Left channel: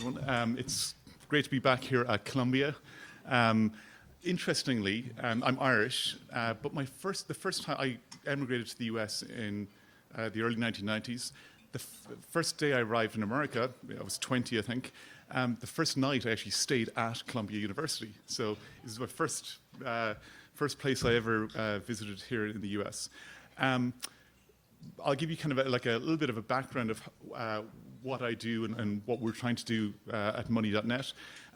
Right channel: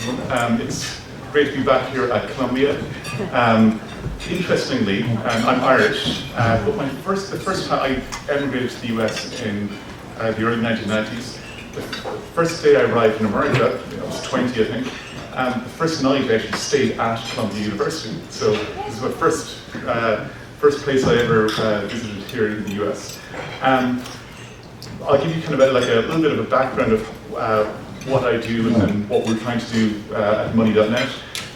everyone. It's great to be back here at Columbia. Interestingly, I'm Irish, but the first time I emigrated to the US in the early 1990s, the first day I arrived in America, I was 20 I think, the first night I actually stayed at Columbia University. So this is my first place I ever visited here in the US. I'll give you kind of a little bit of a background of what I do and what we're trying to do at Money.net.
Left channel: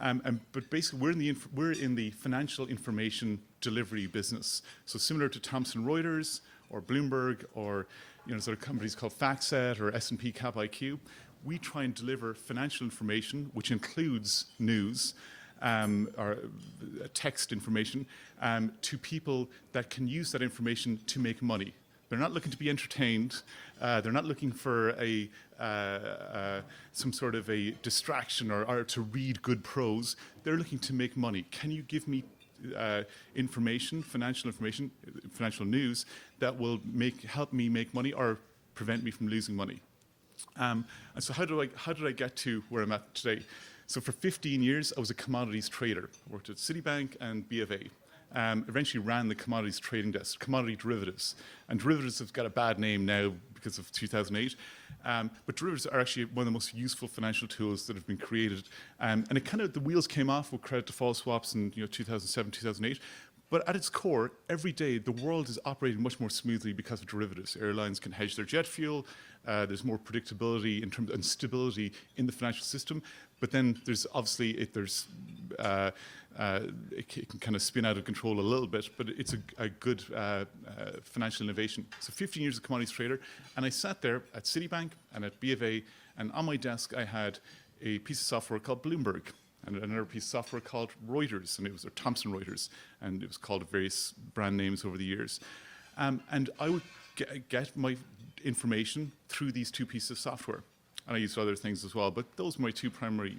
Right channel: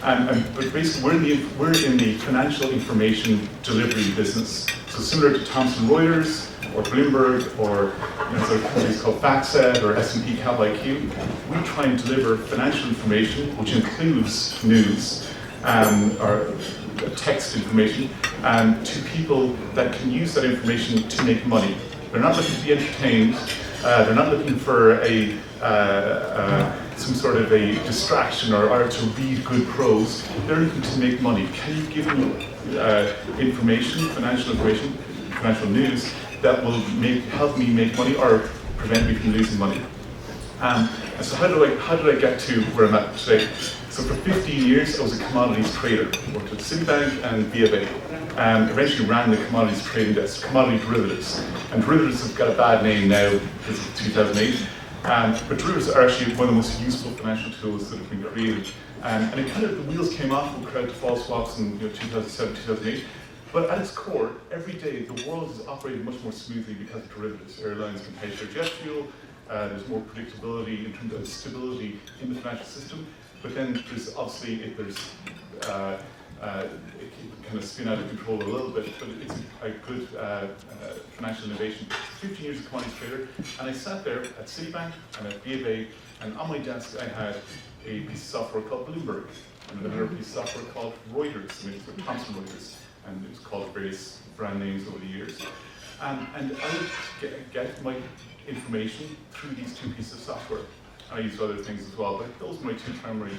But basically, we're in the financial information delivery business. So similar to Thomson Reuters or Bloomberg or sort of companies called FactSet or S&P Cap IQ, we try and deliver financial information, which includes news or text information, to people that can use that information to make money. They're not looking to be entertained. They're not looking for some sort of a distraction or to read good prose. They're looking to make money. Can you give them financial news that will help me make money or prevent me from losing money? And so how did I get to where I'm at today? So for 15 years, I was a commodities trader. Worked at Citibank and B of A. Eventually ran the commodities trading desk, commodity derivatives. And derivatives have got a bad name now because of 2008. But derivatives are actually one of the most useful financial tools that have been created. And it kind of, the wheels came off with credit default swaps in 2007, 2008. But at its core, every day, the world is operating much more smoothly because of derivatives. Airlines can hedge their jet fuel. There's more predictability in terms of stability in the financial system. But then there's obviously, it can kind of spin out of control a little bit, but it's a good financial innovation. So 15 years as a commodities trader, and I sat there at Citibank and at B of A, and on my desk I had a piece of software called Bloomberg, and another piece of software called Reuters, maybe it was Thomson Reuters, and it was called various brand names over the years. And I would get my information through these two pieces of software. I used other things as well, but those were my two primary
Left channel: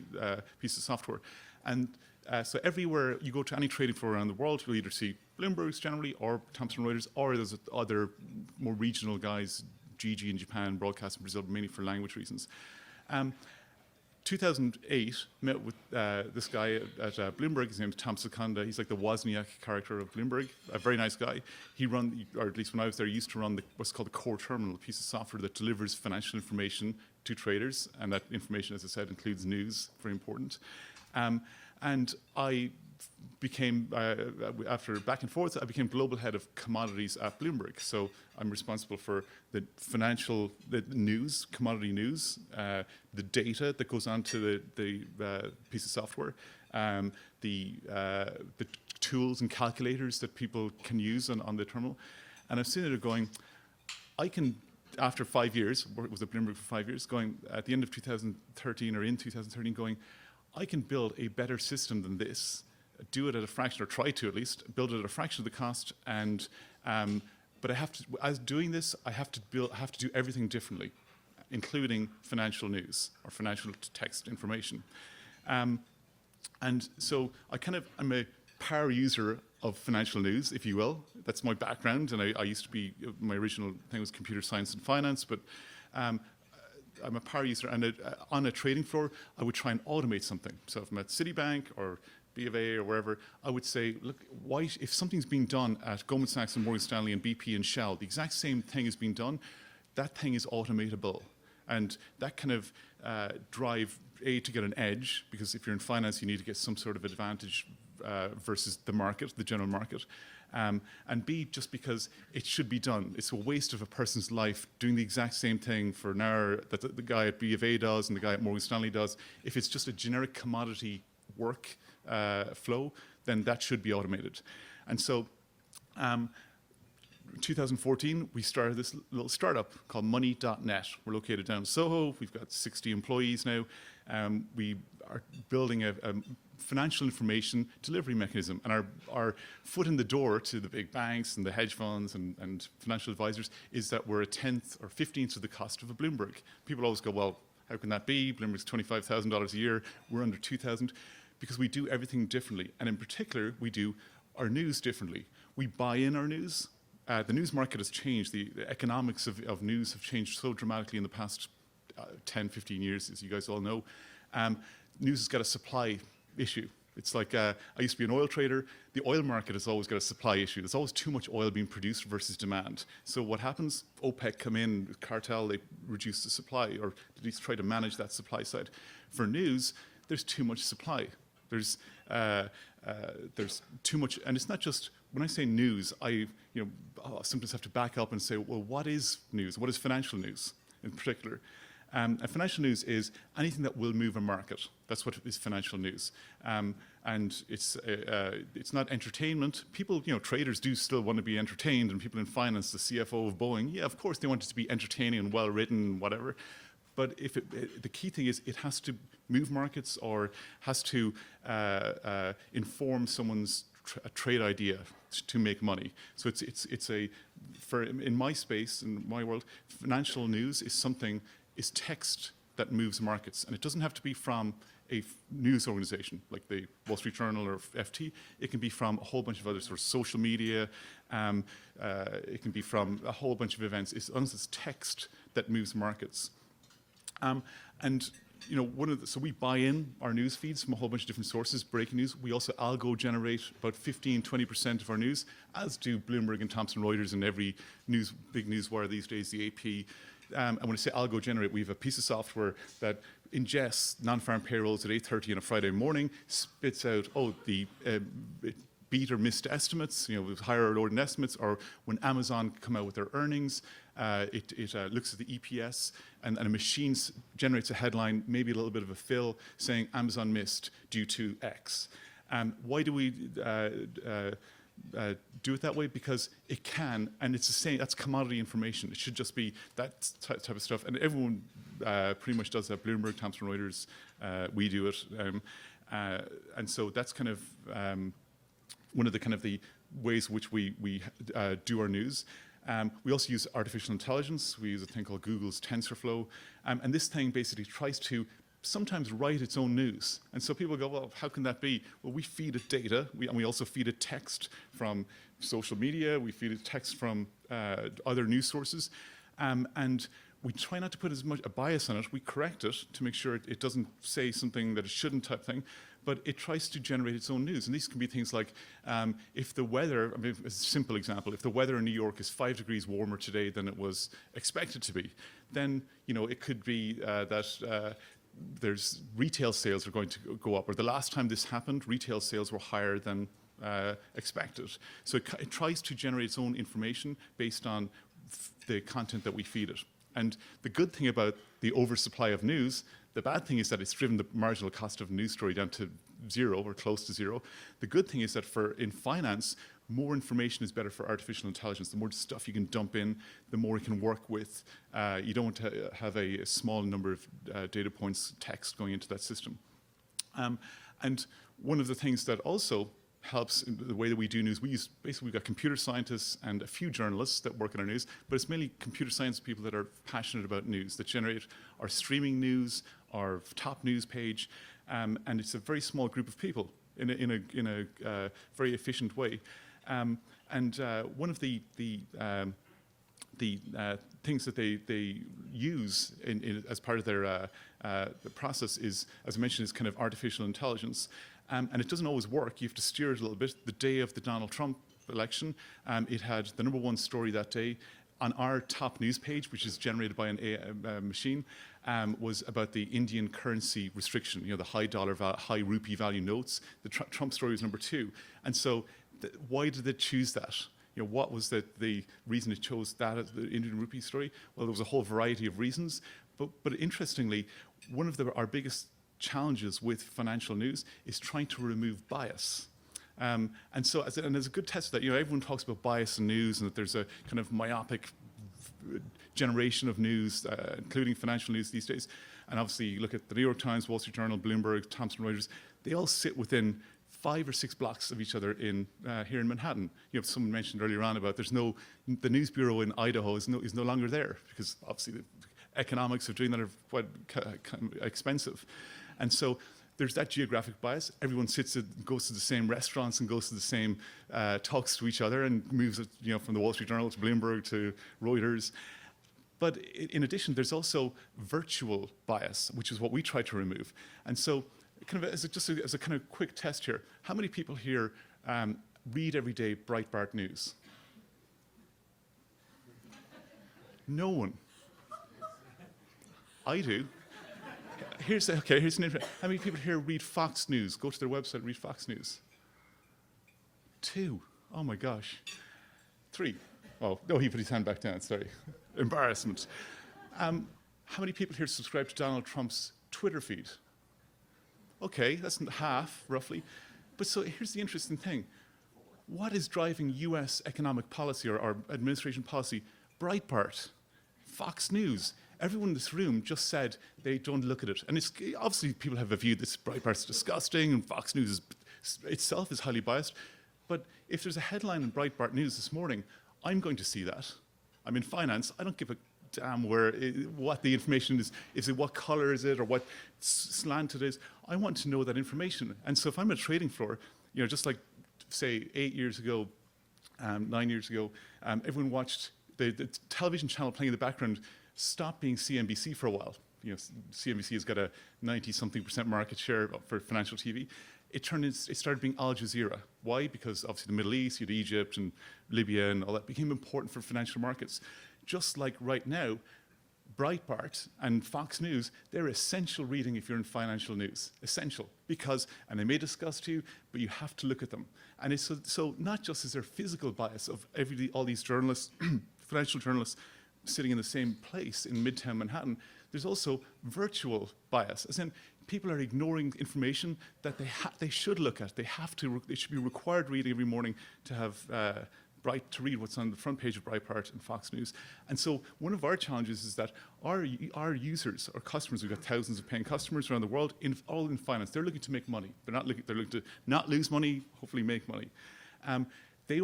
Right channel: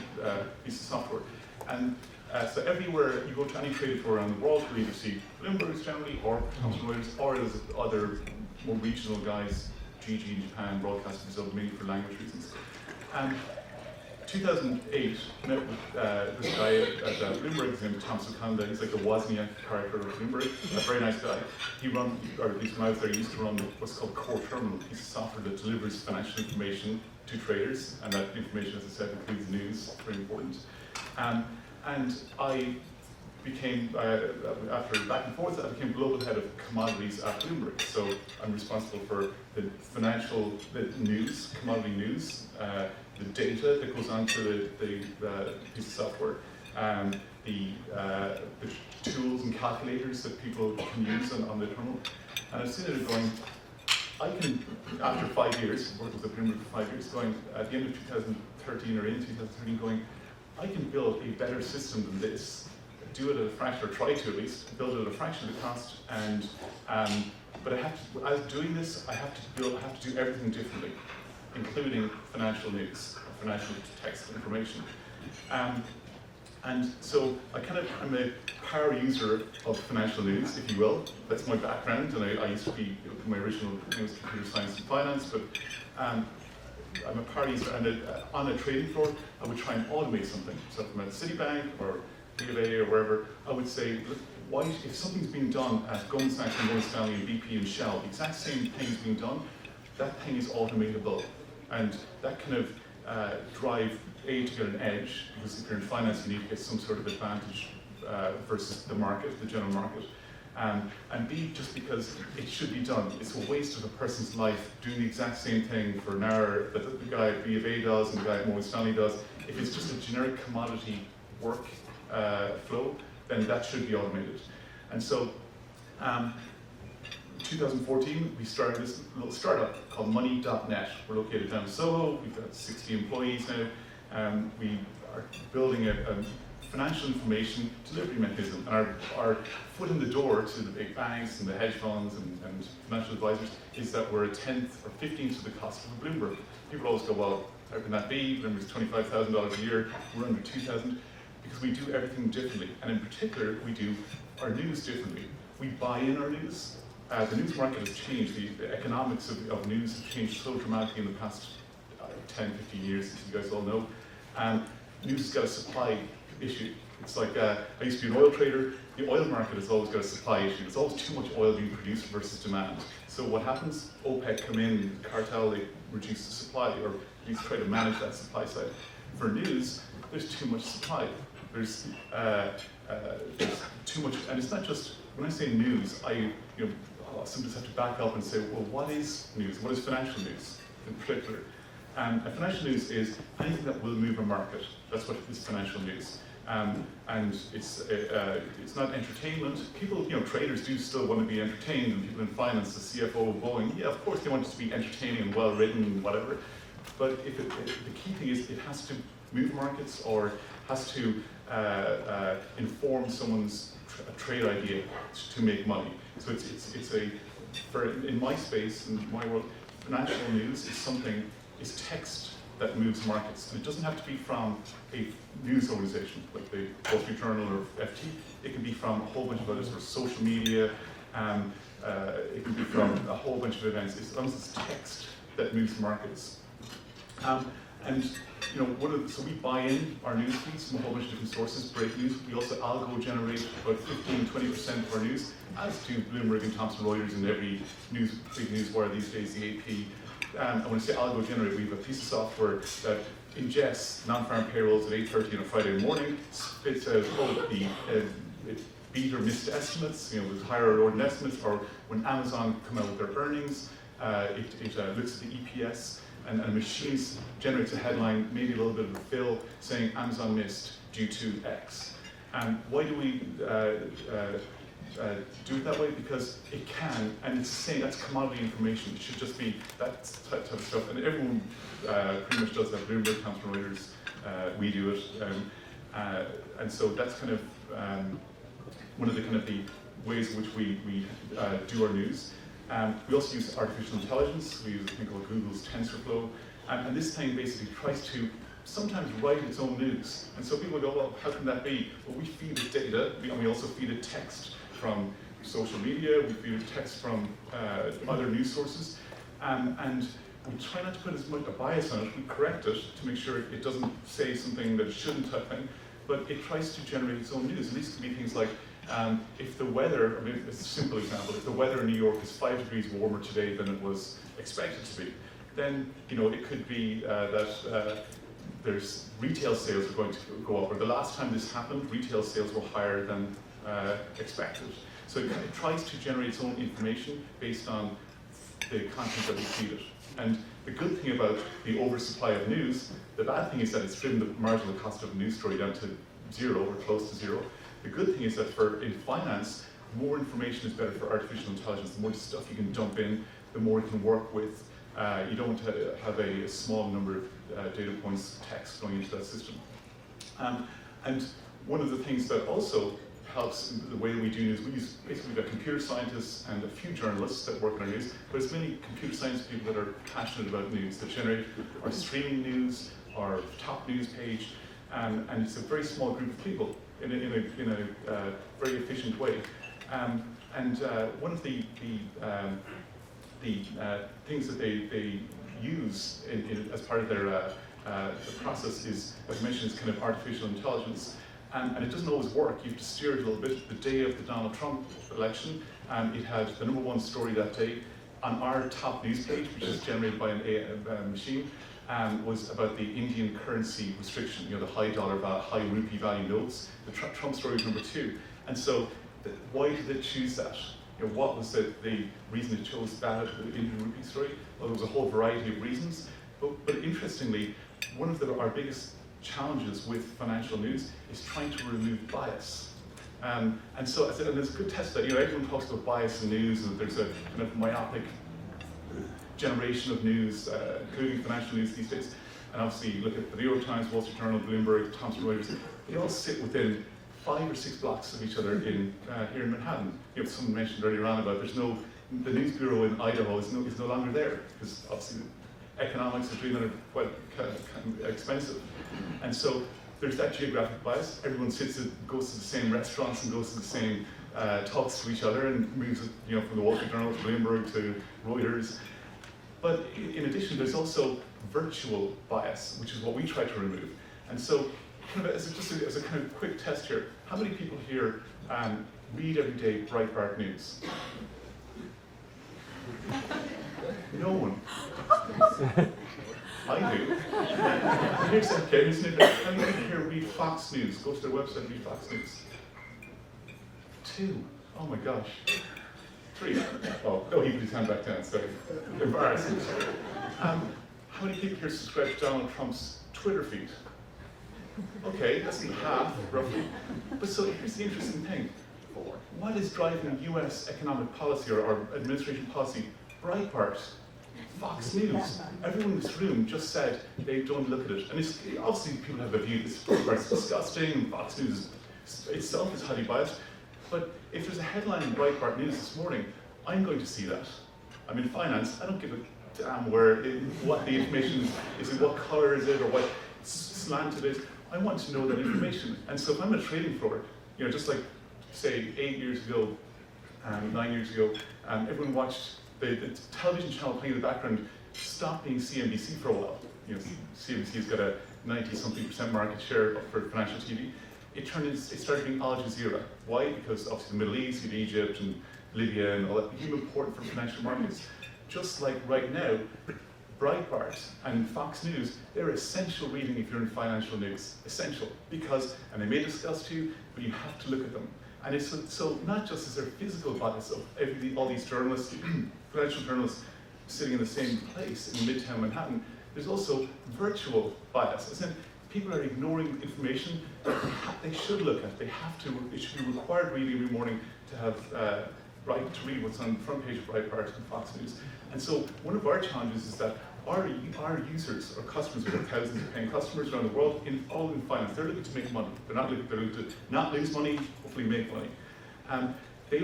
pieces of software. And so everywhere you go to any trading floor around the world, you'll either see Bloomberg's generally, or Thomson Reuters, or there's other more regional guys, GG in Japan, Broadcast in Brazil, mainly for language reasons. 2008, met with this guy at Bloomberg, his name is Tom Sekunda. He's like the Wozniak character of Bloomberg, a very nice guy. He or at least when I was there, he used to run what's called Core Terminal, a piece of software that delivers financial information to traders, and that information, as I said, includes news, very important. And I became, after back and forth, I became global head of commodities at Bloomberg. So I'm responsible for the news, commodity news, the data that goes onto the piece of software, the tools and calculators that people can use on the terminal. And I've seen it going, I can, after 5 years, I was at Bloomberg for 5 years, going at the end of 2013 or in 2013, going, I can build a better system than this, do it at a fraction, or try to at least, build it at a fraction of the cost, and but I have to, as doing this, I have to do everything differently, including financial news, or financial text information. And so I'm a power user of financial news, if you will. That's my background, and I used to be, my original thing was computer science and finance, but I'm a power user, and on a trading floor, I would try and automate something. So if I'm at Citibank or B of A or wherever, I would say, look, if something's being done at Goldman Sachs and Morgan Stanley and BP and Shell, the exact same thing is being done, that thing is automatable. And that kind of drive, A, to get an edge, because if you're in finance, you need to get some sort of advantage versus the market, the general market. And B, just because it should be done. It's a waste of a person's life doing the exact same thing for an hour that the guy at B of A does and the guy at Morgan Stanley does. If it's just a generic commodity work flow, then that should be automated. And so, 2014, we started this little startup called Money.net. We're located down in Soho. We've got 60 employees now. We are building a financial information delivery mechanism, and our foot in the door to the big banks and the hedge funds and financial advisors is that we're a 10th or 15th of the cost of a Bloomberg. People always go, well, how can that be? Bloomberg's $25,000 a year, we're under 2,000, because we do everything differently, and in particular, we do our news differently. We buy in our news. The news market has changed. The economics of news have changed so dramatically in the past 10, 15 years, as you guys all know. news has got a supply issue. It's like, I used to be an oil trader. The oil market has always got a supply issue. There's always too much oil being produced versus demand. So what happens? OPEC come in, cartel, they reduce the supply, or at least try to manage that supply side. For news, there's too much supply. There's too much, and it's not just, when I say news, I sometimes have to back up and say, well, what is news? What is financial news in particular? And financial news is anything that will move a market. That's what is financial news. And it's not entertainment. People, traders do still want to be entertained, and people in finance, the CFO of Boeing, yeah, of course they want it to be entertaining and well written and whatever. But the key thing is it has to move markets, or has to inform someone's trade idea to make money. So in my space, in my world, financial news is text that moves markets. And it doesn't have to be from a news organization like the Wall Street Journal or FT. It can be from a whole bunch of others, or social media. It can be from a whole bunch of events. As long as it's text that moves markets. So we buy in our news feeds from a whole bunch of different sources, breaking news. We also algo generate about 15-20% of our news, as do Bloomberg and Thomson Reuters and every big news wire these days, the AP. And when I say algo generate, we have a piece of software that ingests non-farm payrolls at 8:30 on a Friday morning, spits out the beat or missed estimates, with higher or lower than estimates, or when Amazon come out with their earnings, it looks at the EPS, and a machine generates a headline, maybe a little bit of a fill, saying Amazon missed due to X. And why do we do it that way? Because it can, and it's the same, that's commodity information. It should just be that type of stuff. And everyone pretty much does that. Bloomberg, Thomson Reuters, we do it. And so that's kind of one of the ways in which we do our news. We also use artificial intelligence. We use a thing called Google's TensorFlow. And this thing basically tries to sometimes write its own news. And so people go, well, how can that be? Well, we feed it data, and we also feed it text from social media, we feed it text from other news sources. And we try not to put as much a bias on it. We correct it to make sure it doesn't say something that it shouldn't, type thing. But it tries to generate its own news. And these can be things like, if the weather, I mean, a simple example, if the weather in New York is 5 degrees warmer today than it was expected to be, then it could be that there's retail sales are going to go up. Or the last time this happened, retail sales were higher than expected. So it tries to generate its own information based on the content that we feed it. And the good thing about the oversupply of news, the bad thing is that it's driven the marginal cost of a news story down to zero or close to zero. The good thing is that in finance, more information is better for artificial intelligence. The more stuff you can dump in, the more it can work with. You don't have a small number of data points, text going into that system. And one of the things that also helps in the way that we do news, we've got computer scientists and a few journalists that work in our news, but it's mainly computer science people that are passionate about news, that generate our streaming news, our top news page, and it's a very small group of people in a very efficient way. And one of the things that they use as part of their process is, as I mentioned, is kind of artificial intelligence. And it doesn't always work. You have to steer it a little bit. The day of the Donald Trump election, it had the #1 story that day on our top news page, which is generated by a machine, was about the Indian currency restriction, the high rupee value notes. The Trump story was #2. And so why did it choose that? What was the reason it chose that Indian rupee story? Well, there was a whole variety of reasons. But interestingly, one of our biggest challenges with financial news is trying to remove bias. And so there's a good test that, everyone talks about bias in news, and that there's a kind of myopic generation of news, including financial news these days. And obviously you look at the New York Times, Wall Street Journal, Bloomberg, Thomson Reuters, they all sit within 5 or 6 blocks of each other here in Manhattan. Someone mentioned earlier on about the news bureau in Idaho is no longer there, because obviously the economics of doing that are quite expensive. And so there's that geographic bias. Everyone goes to the same restaurants and goes to the same talks to each other and moves from the Wall Street Journal to Bloomberg to Reuters. But in addition, there's also virtual bias, which is what we try to remove. And so kind of as a kind of quick test here, how many people here read every day Breitbart News? No one. I do. Here's an how many people here read Fox News? Go to their website and read Fox News. 2. Oh my gosh. 3. Oh, no, he put his hand back down, sorry. Embarrassment. How many people here subscribe to Donald Trump's Twitter feed? Okay, that's half, roughly. But so here's the interesting thing. What is driving US economic policy or administration policy? Breitbart, Fox News. Everyone in this room just said they don't look at it. And obviously people have a view this Breitbart's disgusting and Fox News itself is highly biased. But if there's a headline in Breitbart News this morning, I'm going to see that. I'm in finance, I don't give a damn what the information is it, what color is it, or what slant it is. I want to know that information. And so if I'm a trading floor, just like, say, 8 years ago, 9 years ago, everyone watched the television channel playing in the background stop being CNBC for a while. CNBC's got a 90-something% market share for financial TV. It started being Al Jazeera. Why? Because obviously the Middle East, Egypt and Libya and all that became important for financial markets. Just like right now, Breitbart and Fox News, they're essential reading if you're in financial news. Essential. Because, and they may discuss to you, but you have to look at them. And it's so not just is there physical bias of all these journalists, financial journalists sitting in the same place in Midtown Manhattan, there's also virtual bias. As in, people are ignoring information that they should look at. They have to, it should be required reading every morning to have to read what's on the front page of Breitbart and Fox News. And so one of our challenges is that our users, our customers, we have thousands of paying customers around the world, all in finance. They're looking to make money. They're looking to not lose money, hopefully make money. They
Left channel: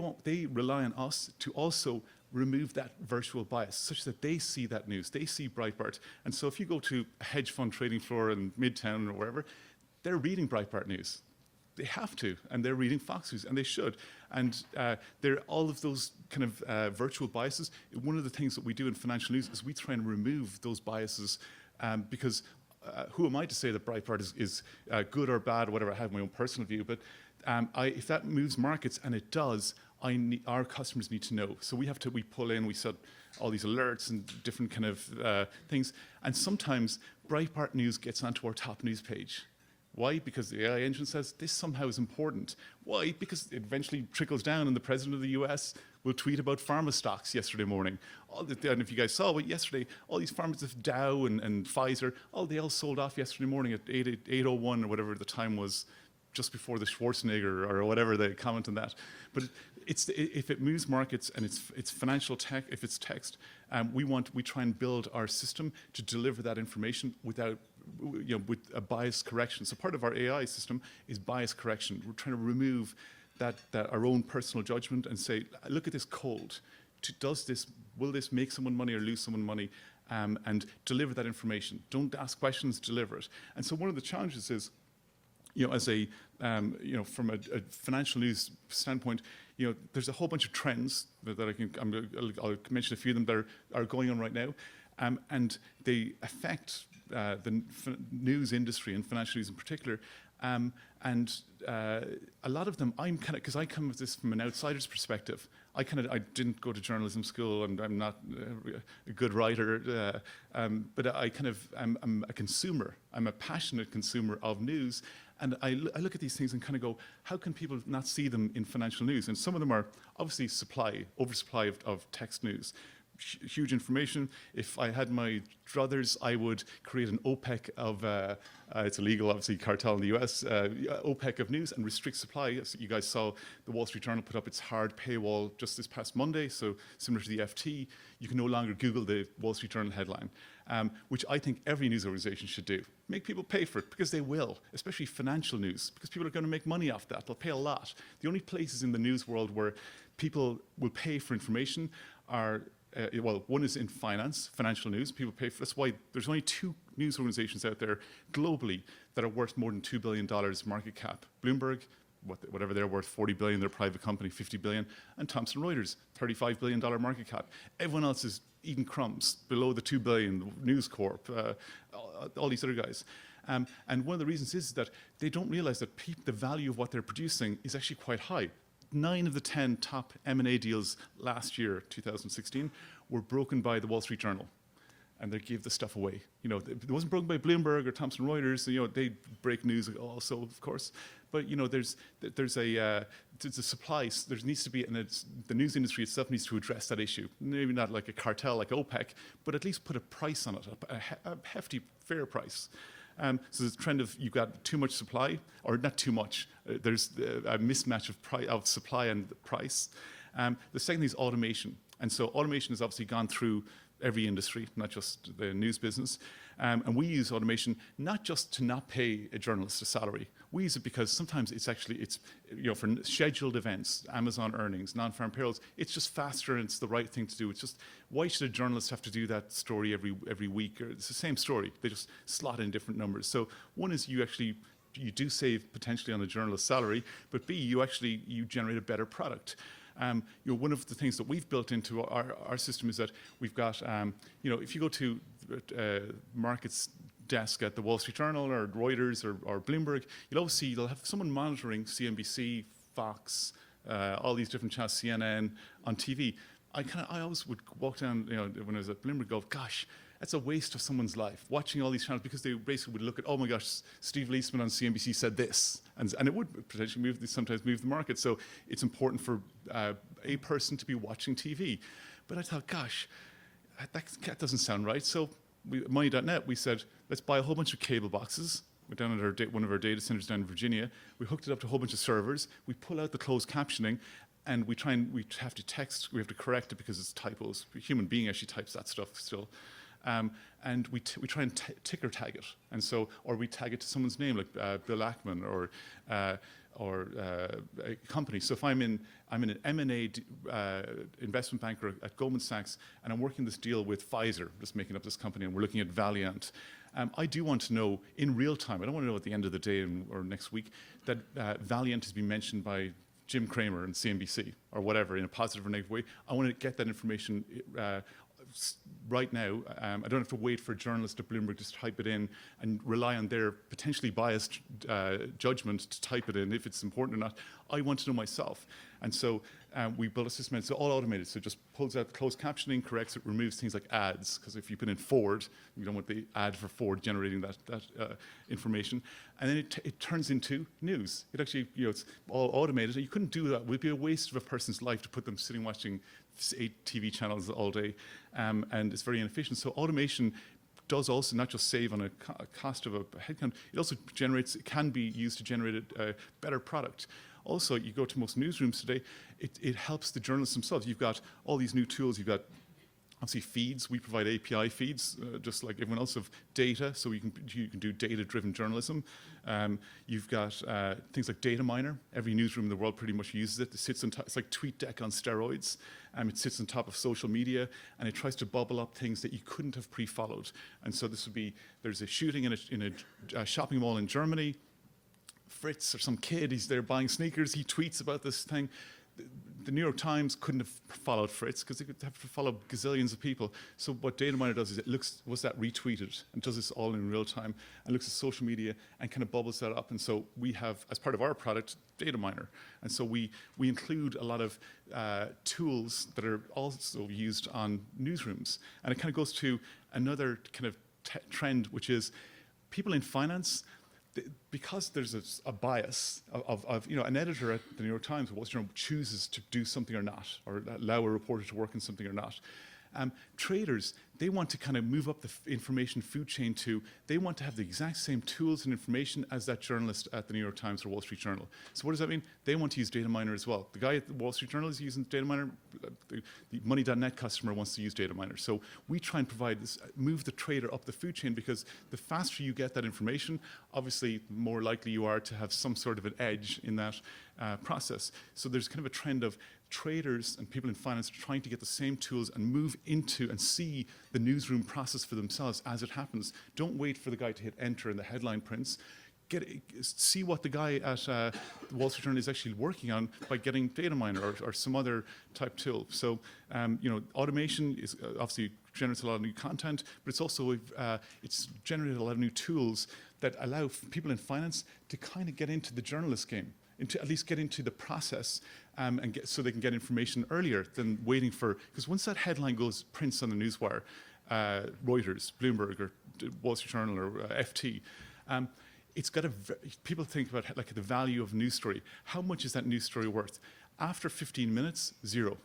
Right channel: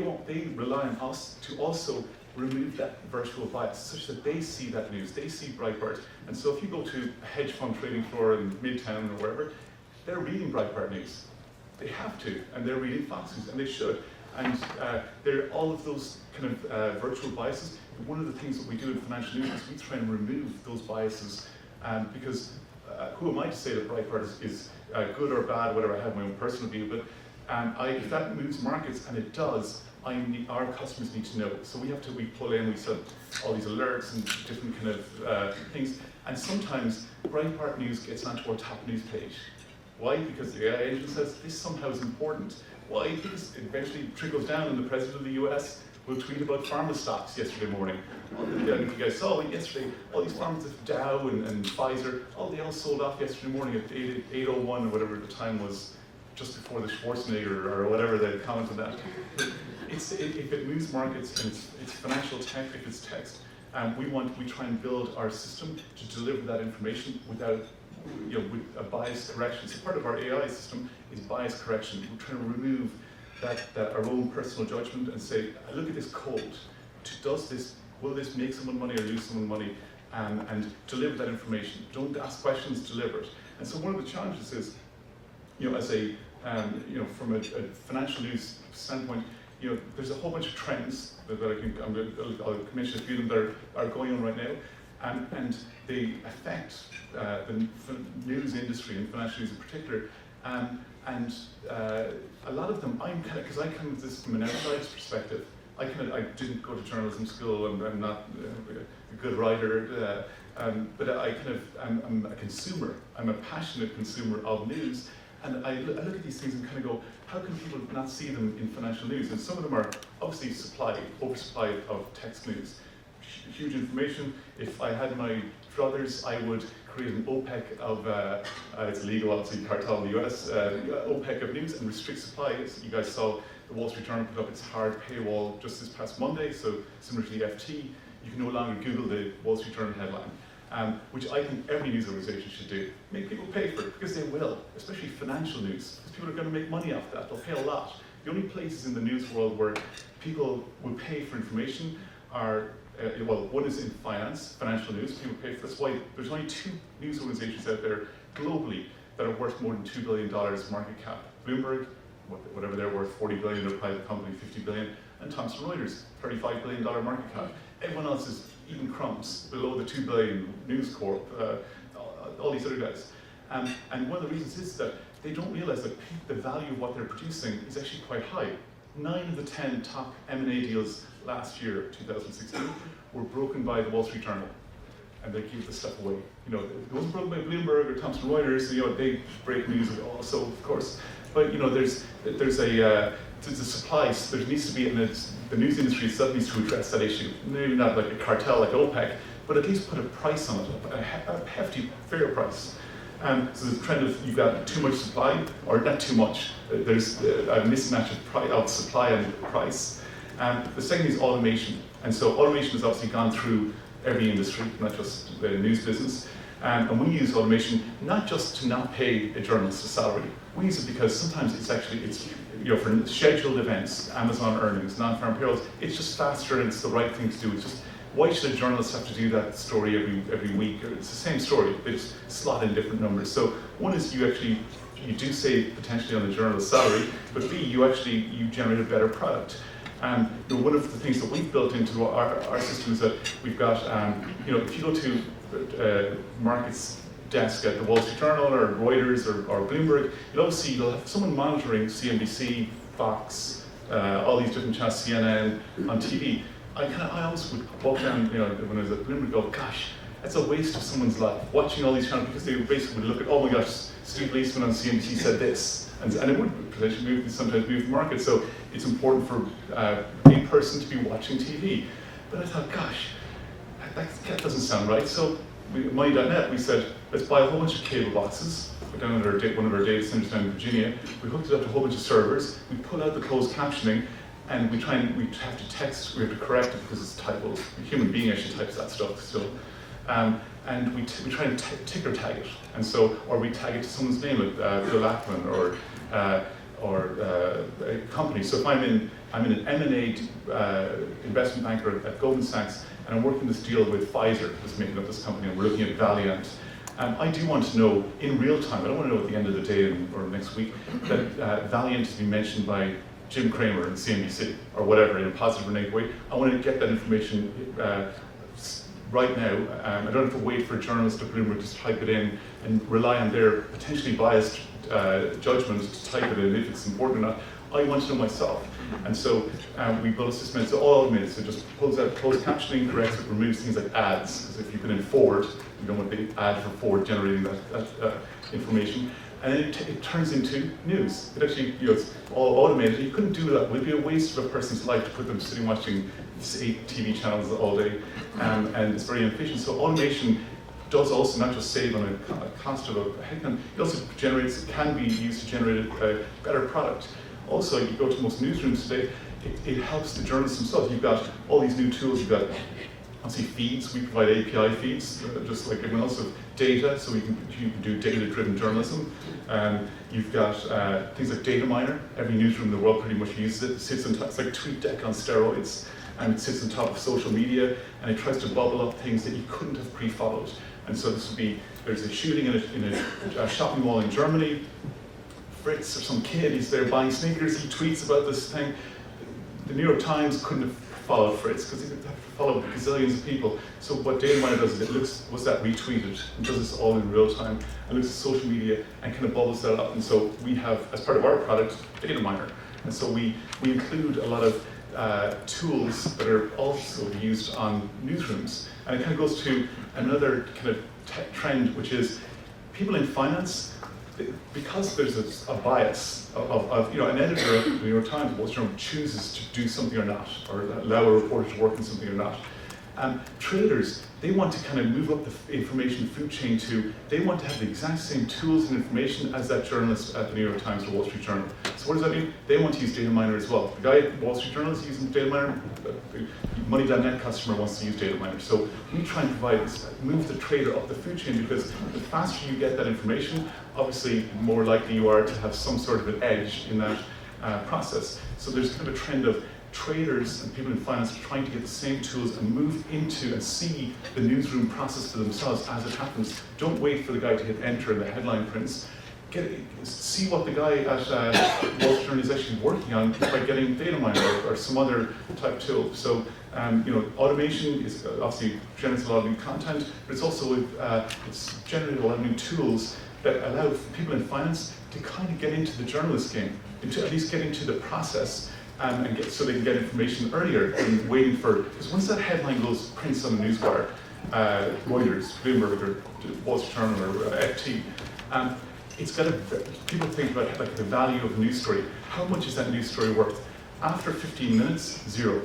rely on us to also remove that virtual bias such that they see that news, they see Breitbart. And so if you go to a hedge fund trading floor in Midtown or wherever, they're reading Breitbart News. They have to, and they're reading Fox News, and they should. And there are all of those kind of virtual biases. One of the things that we do in financial news is we try and remove those biases because who am I to say that Breitbart is good or bad, whatever, I have my own personal view, but if that moves markets, and it does, our customers need to know. So we pull in, we set all these alerts and different kind of things, and sometimes Breitbart News gets onto our top news page. Why? Because the AI agent says this somehow is important. Why? Because it eventually trickles down and the president of the US will tweet about pharma stocks yesterday morning. And if you guys saw it yesterday, all these pharmas of Dow and Pfizer, they all sold off yesterday morning at 8:01 or whatever the time was, just before the Schwarzenegger or whatever they comment on that. But if it moves markets and it's financial tech, if it's text, we try and build our system to deliver that information without with a bias correction. So part of our AI system is bias correction. We're trying to remove that our own personal judgment and say, look at this code. Will this make someone money or lose someone money? And deliver that information. Don't ask questions, deliver it. And so one of the challenges is, as from a financial news standpoint, there's a whole bunch of trends that I'll mention a few of them that are going on right now, and they affect the news industry and financial news in particular, and a lot of them, because I come at this from an outsider's perspective. I didn't go to journalism school, and I'm not a good writer, but I'm a consumer. I'm a passionate consumer of news, and I look at these things and kind of go, how can people not see them in financial news? And some of them are obviously oversupply of text news. Huge information. If I had my druthers, I would create an OPEC of, it's illegal obviously, cartel in the US, OPEC of news and restrict supply. You guys saw the Wall Street Journal put up its hard paywall just this past Monday, so similar to the FT, you can no longer Google the Wall Street Journal headline, which I think every news organization should do. Make people pay for it, because they will, especially financial news, because people are going to make money off that. They'll pay a lot. The only places in the news world where people will pay for information are one is in finance, financial news. People pay for. That's why there's only 2 news organizations out there globally that are worth more than $2 billion market cap. Bloomberg, whatever they're worth, 40 billion. They're a private company, 50 billion. And Thomson Reuters, $35 billion market cap. Everyone else is eating crumbs below the 2 billion. News Corp, all these other guys. And one of the reasons is that they don't realize that the value of what they're producing is actually quite high. 9 of the 10 top M&A deals last year, 2016, were broken by the Wall Street Journal, and they gave the stuff away. You know, it wasn't broken by Bloomberg or Thomson Reuters. You know, they break news also, of course. But you know, there's a supply. So there needs to be, and the news industry itself needs to address that issue. Maybe not like a cartel like OPEC, but at least put a price on it, a hefty, fair price. So there's a trend of you've got too much supply, or not too much. There's a mismatch of supply and price. The second is automation. And so automation has obviously gone through every industry, not just the news business. And we use automation not just to not pay a journalist a salary. We use it because sometimes it's you know, for scheduled events, Amazon earnings, non-farm payrolls, it's just faster and it's the right thing to do. It's just, why should a journalist have to do that story every week? It's the same story, they just slot in different numbers. So one is you do save potentially on the journalist's salary, but B, you generate a better product. You know, one of the things that we've built into our system is that we've got, you know, if you go to markets desk at the Wall Street Journal or Reuters or Bloomberg, you'll have someone monitoring CNBC, Fox, all these different channels, CNN, on TV. I always would walk down, you know, when I was at Bloomberg, go, gosh, that's a waste of someone's life, watching all these channels, because they basically would look at, oh my gosh, Steve Leisman on CNBC said this, and it would potentially sometimes move the market. So it's important for a person to be watching TV. But I thought, gosh, that doesn't sound right. So Money.net, we said, let's buy a whole bunch of cable boxes. We're down at one of our data centers down in Virginia. We hooked it up to a whole bunch of servers. We pull out the closed captioning, and we have to text, we have to correct it because it's typos. A human being actually types that stuff still. And we try and ticker tag it. And so, or we tag it to someone's name, like Bill Ackman or a company. So if I'm in an M&A investment banker at Goldman Sachs, and I'm working this deal with Pfizer, who's making up this company, and we're looking at Valiant. I do want to know in real time, I don't want to know at the end of the day or next week, that Valiant has been mentioned by Jim Cramer in CNBC, or whatever, in a positive or negative way. I want to get that information right now. I don't have to wait for a journalist at Bloomberg to type it in and rely on their potentially biased judgment to type it in if it's important or not. I want to know myself. And so we built a system, it's all automated, so it just pulls out closed captioning, corrects it, removes things like ads, because if you put in Ford, you don't want the ad for Ford generating that information. And then it turns into news. It actually, you know, it's all automated. You couldn't do that. It would be a waste of a person's life to put them sitting watching 8 TV channels all day, and it's very inefficient. So automation does also not just save on a cost of a headcount, it also can be used to generate a better product. Also, you go to most newsrooms today, it helps the journalists themselves. You've got all these new tools. You've got, obviously, feeds. We provide API feeds, just like everyone else, of data, so you can do data-driven journalism. You've got things like Data Miner. Every newsroom in the world pretty much uses it. It sits on top, it's like TweetDeck on steroids, and it sits on top of social media, and it tries to bubble up things that you couldn't have pre-followed. And so this would be, there's a shooting in a shopping mall in Germany. Fritz, or some kid, he's there buying sneakers, he tweets about this thing. The New York Times couldn't have followed Fritz because he could have followed gazillions of people. So what Data Miner does is it looks, was that retweeted, and does this all in real time, and looks at social media and kind of bubbles that up. And so we have, as part of our product, Data Miner. And so we include a lot of tools that are also used on newsrooms. And it kind of goes to another kind of trend, which is people in finance, because there's a bias of you know, an editor at the New York Times, Wall Street Journal, chooses to do something or not, or allow a reporter to work on something or not. Traders, they want to kind of move up the information food chain to, they want to have the exact same tools and information as that journalist at the New York Times or Wall Street Journal. So what does that mean? They want to use Data Miner as well. The guy at Wall Street Journal is using Data Miner, the Money.net customer wants to use Data Miner. So we try and provide this, move the trader up the food chain, because the faster you get that information, obviously more likely you are to have some sort of an edge in that process. So there's kind of a trend of traders and people in finance trying to get the same tools and move into and see the newsroom process for themselves as it happens. Don't wait for the guy to hit enter in the headline prints. See what the guy at Wall Street Journal is actually working on by getting Data Miner or some other type tool. So you know, automation is obviously generates a lot of new content, but it's also it's generated a lot of new tools that allow people in finance to kind of get into the journalist game, to at least get into the process, so they can get information earlier than waiting for, because once that headline prints on the newswire, Reuters, Bloomberg, or Wall Street Journal, or FT, it's got to, people think about like the value of a news story. How much is that news story worth? After 15 minutes, zero.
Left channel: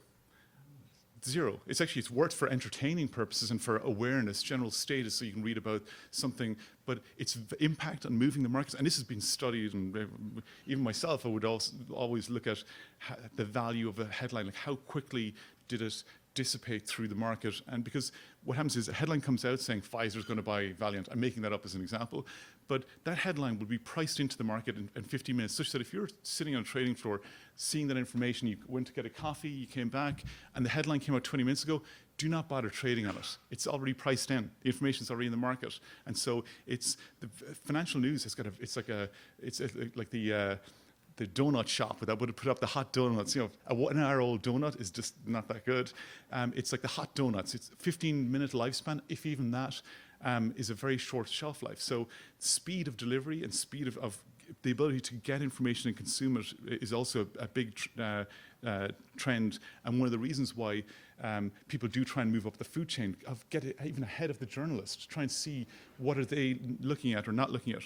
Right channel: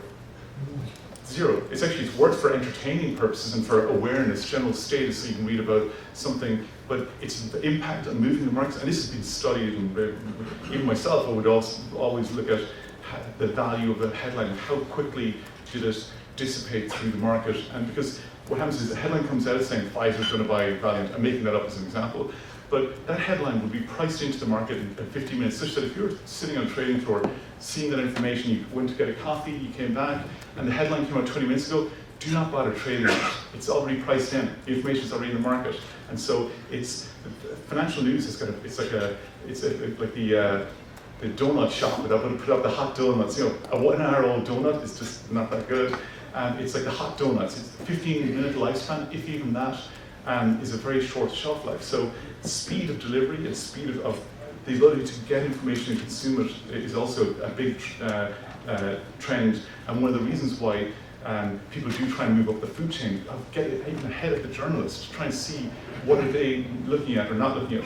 Zero. It's worth for entertaining purposes and for awareness, general status, so you can read about something, but its impact on moving the markets, and this has been studied, and even myself, I would also always look at the value of a headline, how quickly did it dissipate through the market, and because what happens is the headline comes out saying Pfizer's going to buy Valiant, I'm making that up as an example, but that headline will be priced into the market in 15 minutes, such that if you're sitting on a trading floor, seeing that information, you went to get a coffee, you came back, and the headline came out 20 minutes ago, do not bother trading it. It's already priced in. The information is already in the market. And so financial news is like the donut shop that I'm going to put up the hot donuts. A 1 hour old donut is just not that good. It's like the hot donuts. It's 15-minute lifespan, if even that, is a very short shelf life. So speed of delivery and speed of the ability to get information and consume it is also a big trend, and one of the reasons why people do try and move up the food chain, of get even ahead of the journalists, to try and see what are they looking at or not looking at.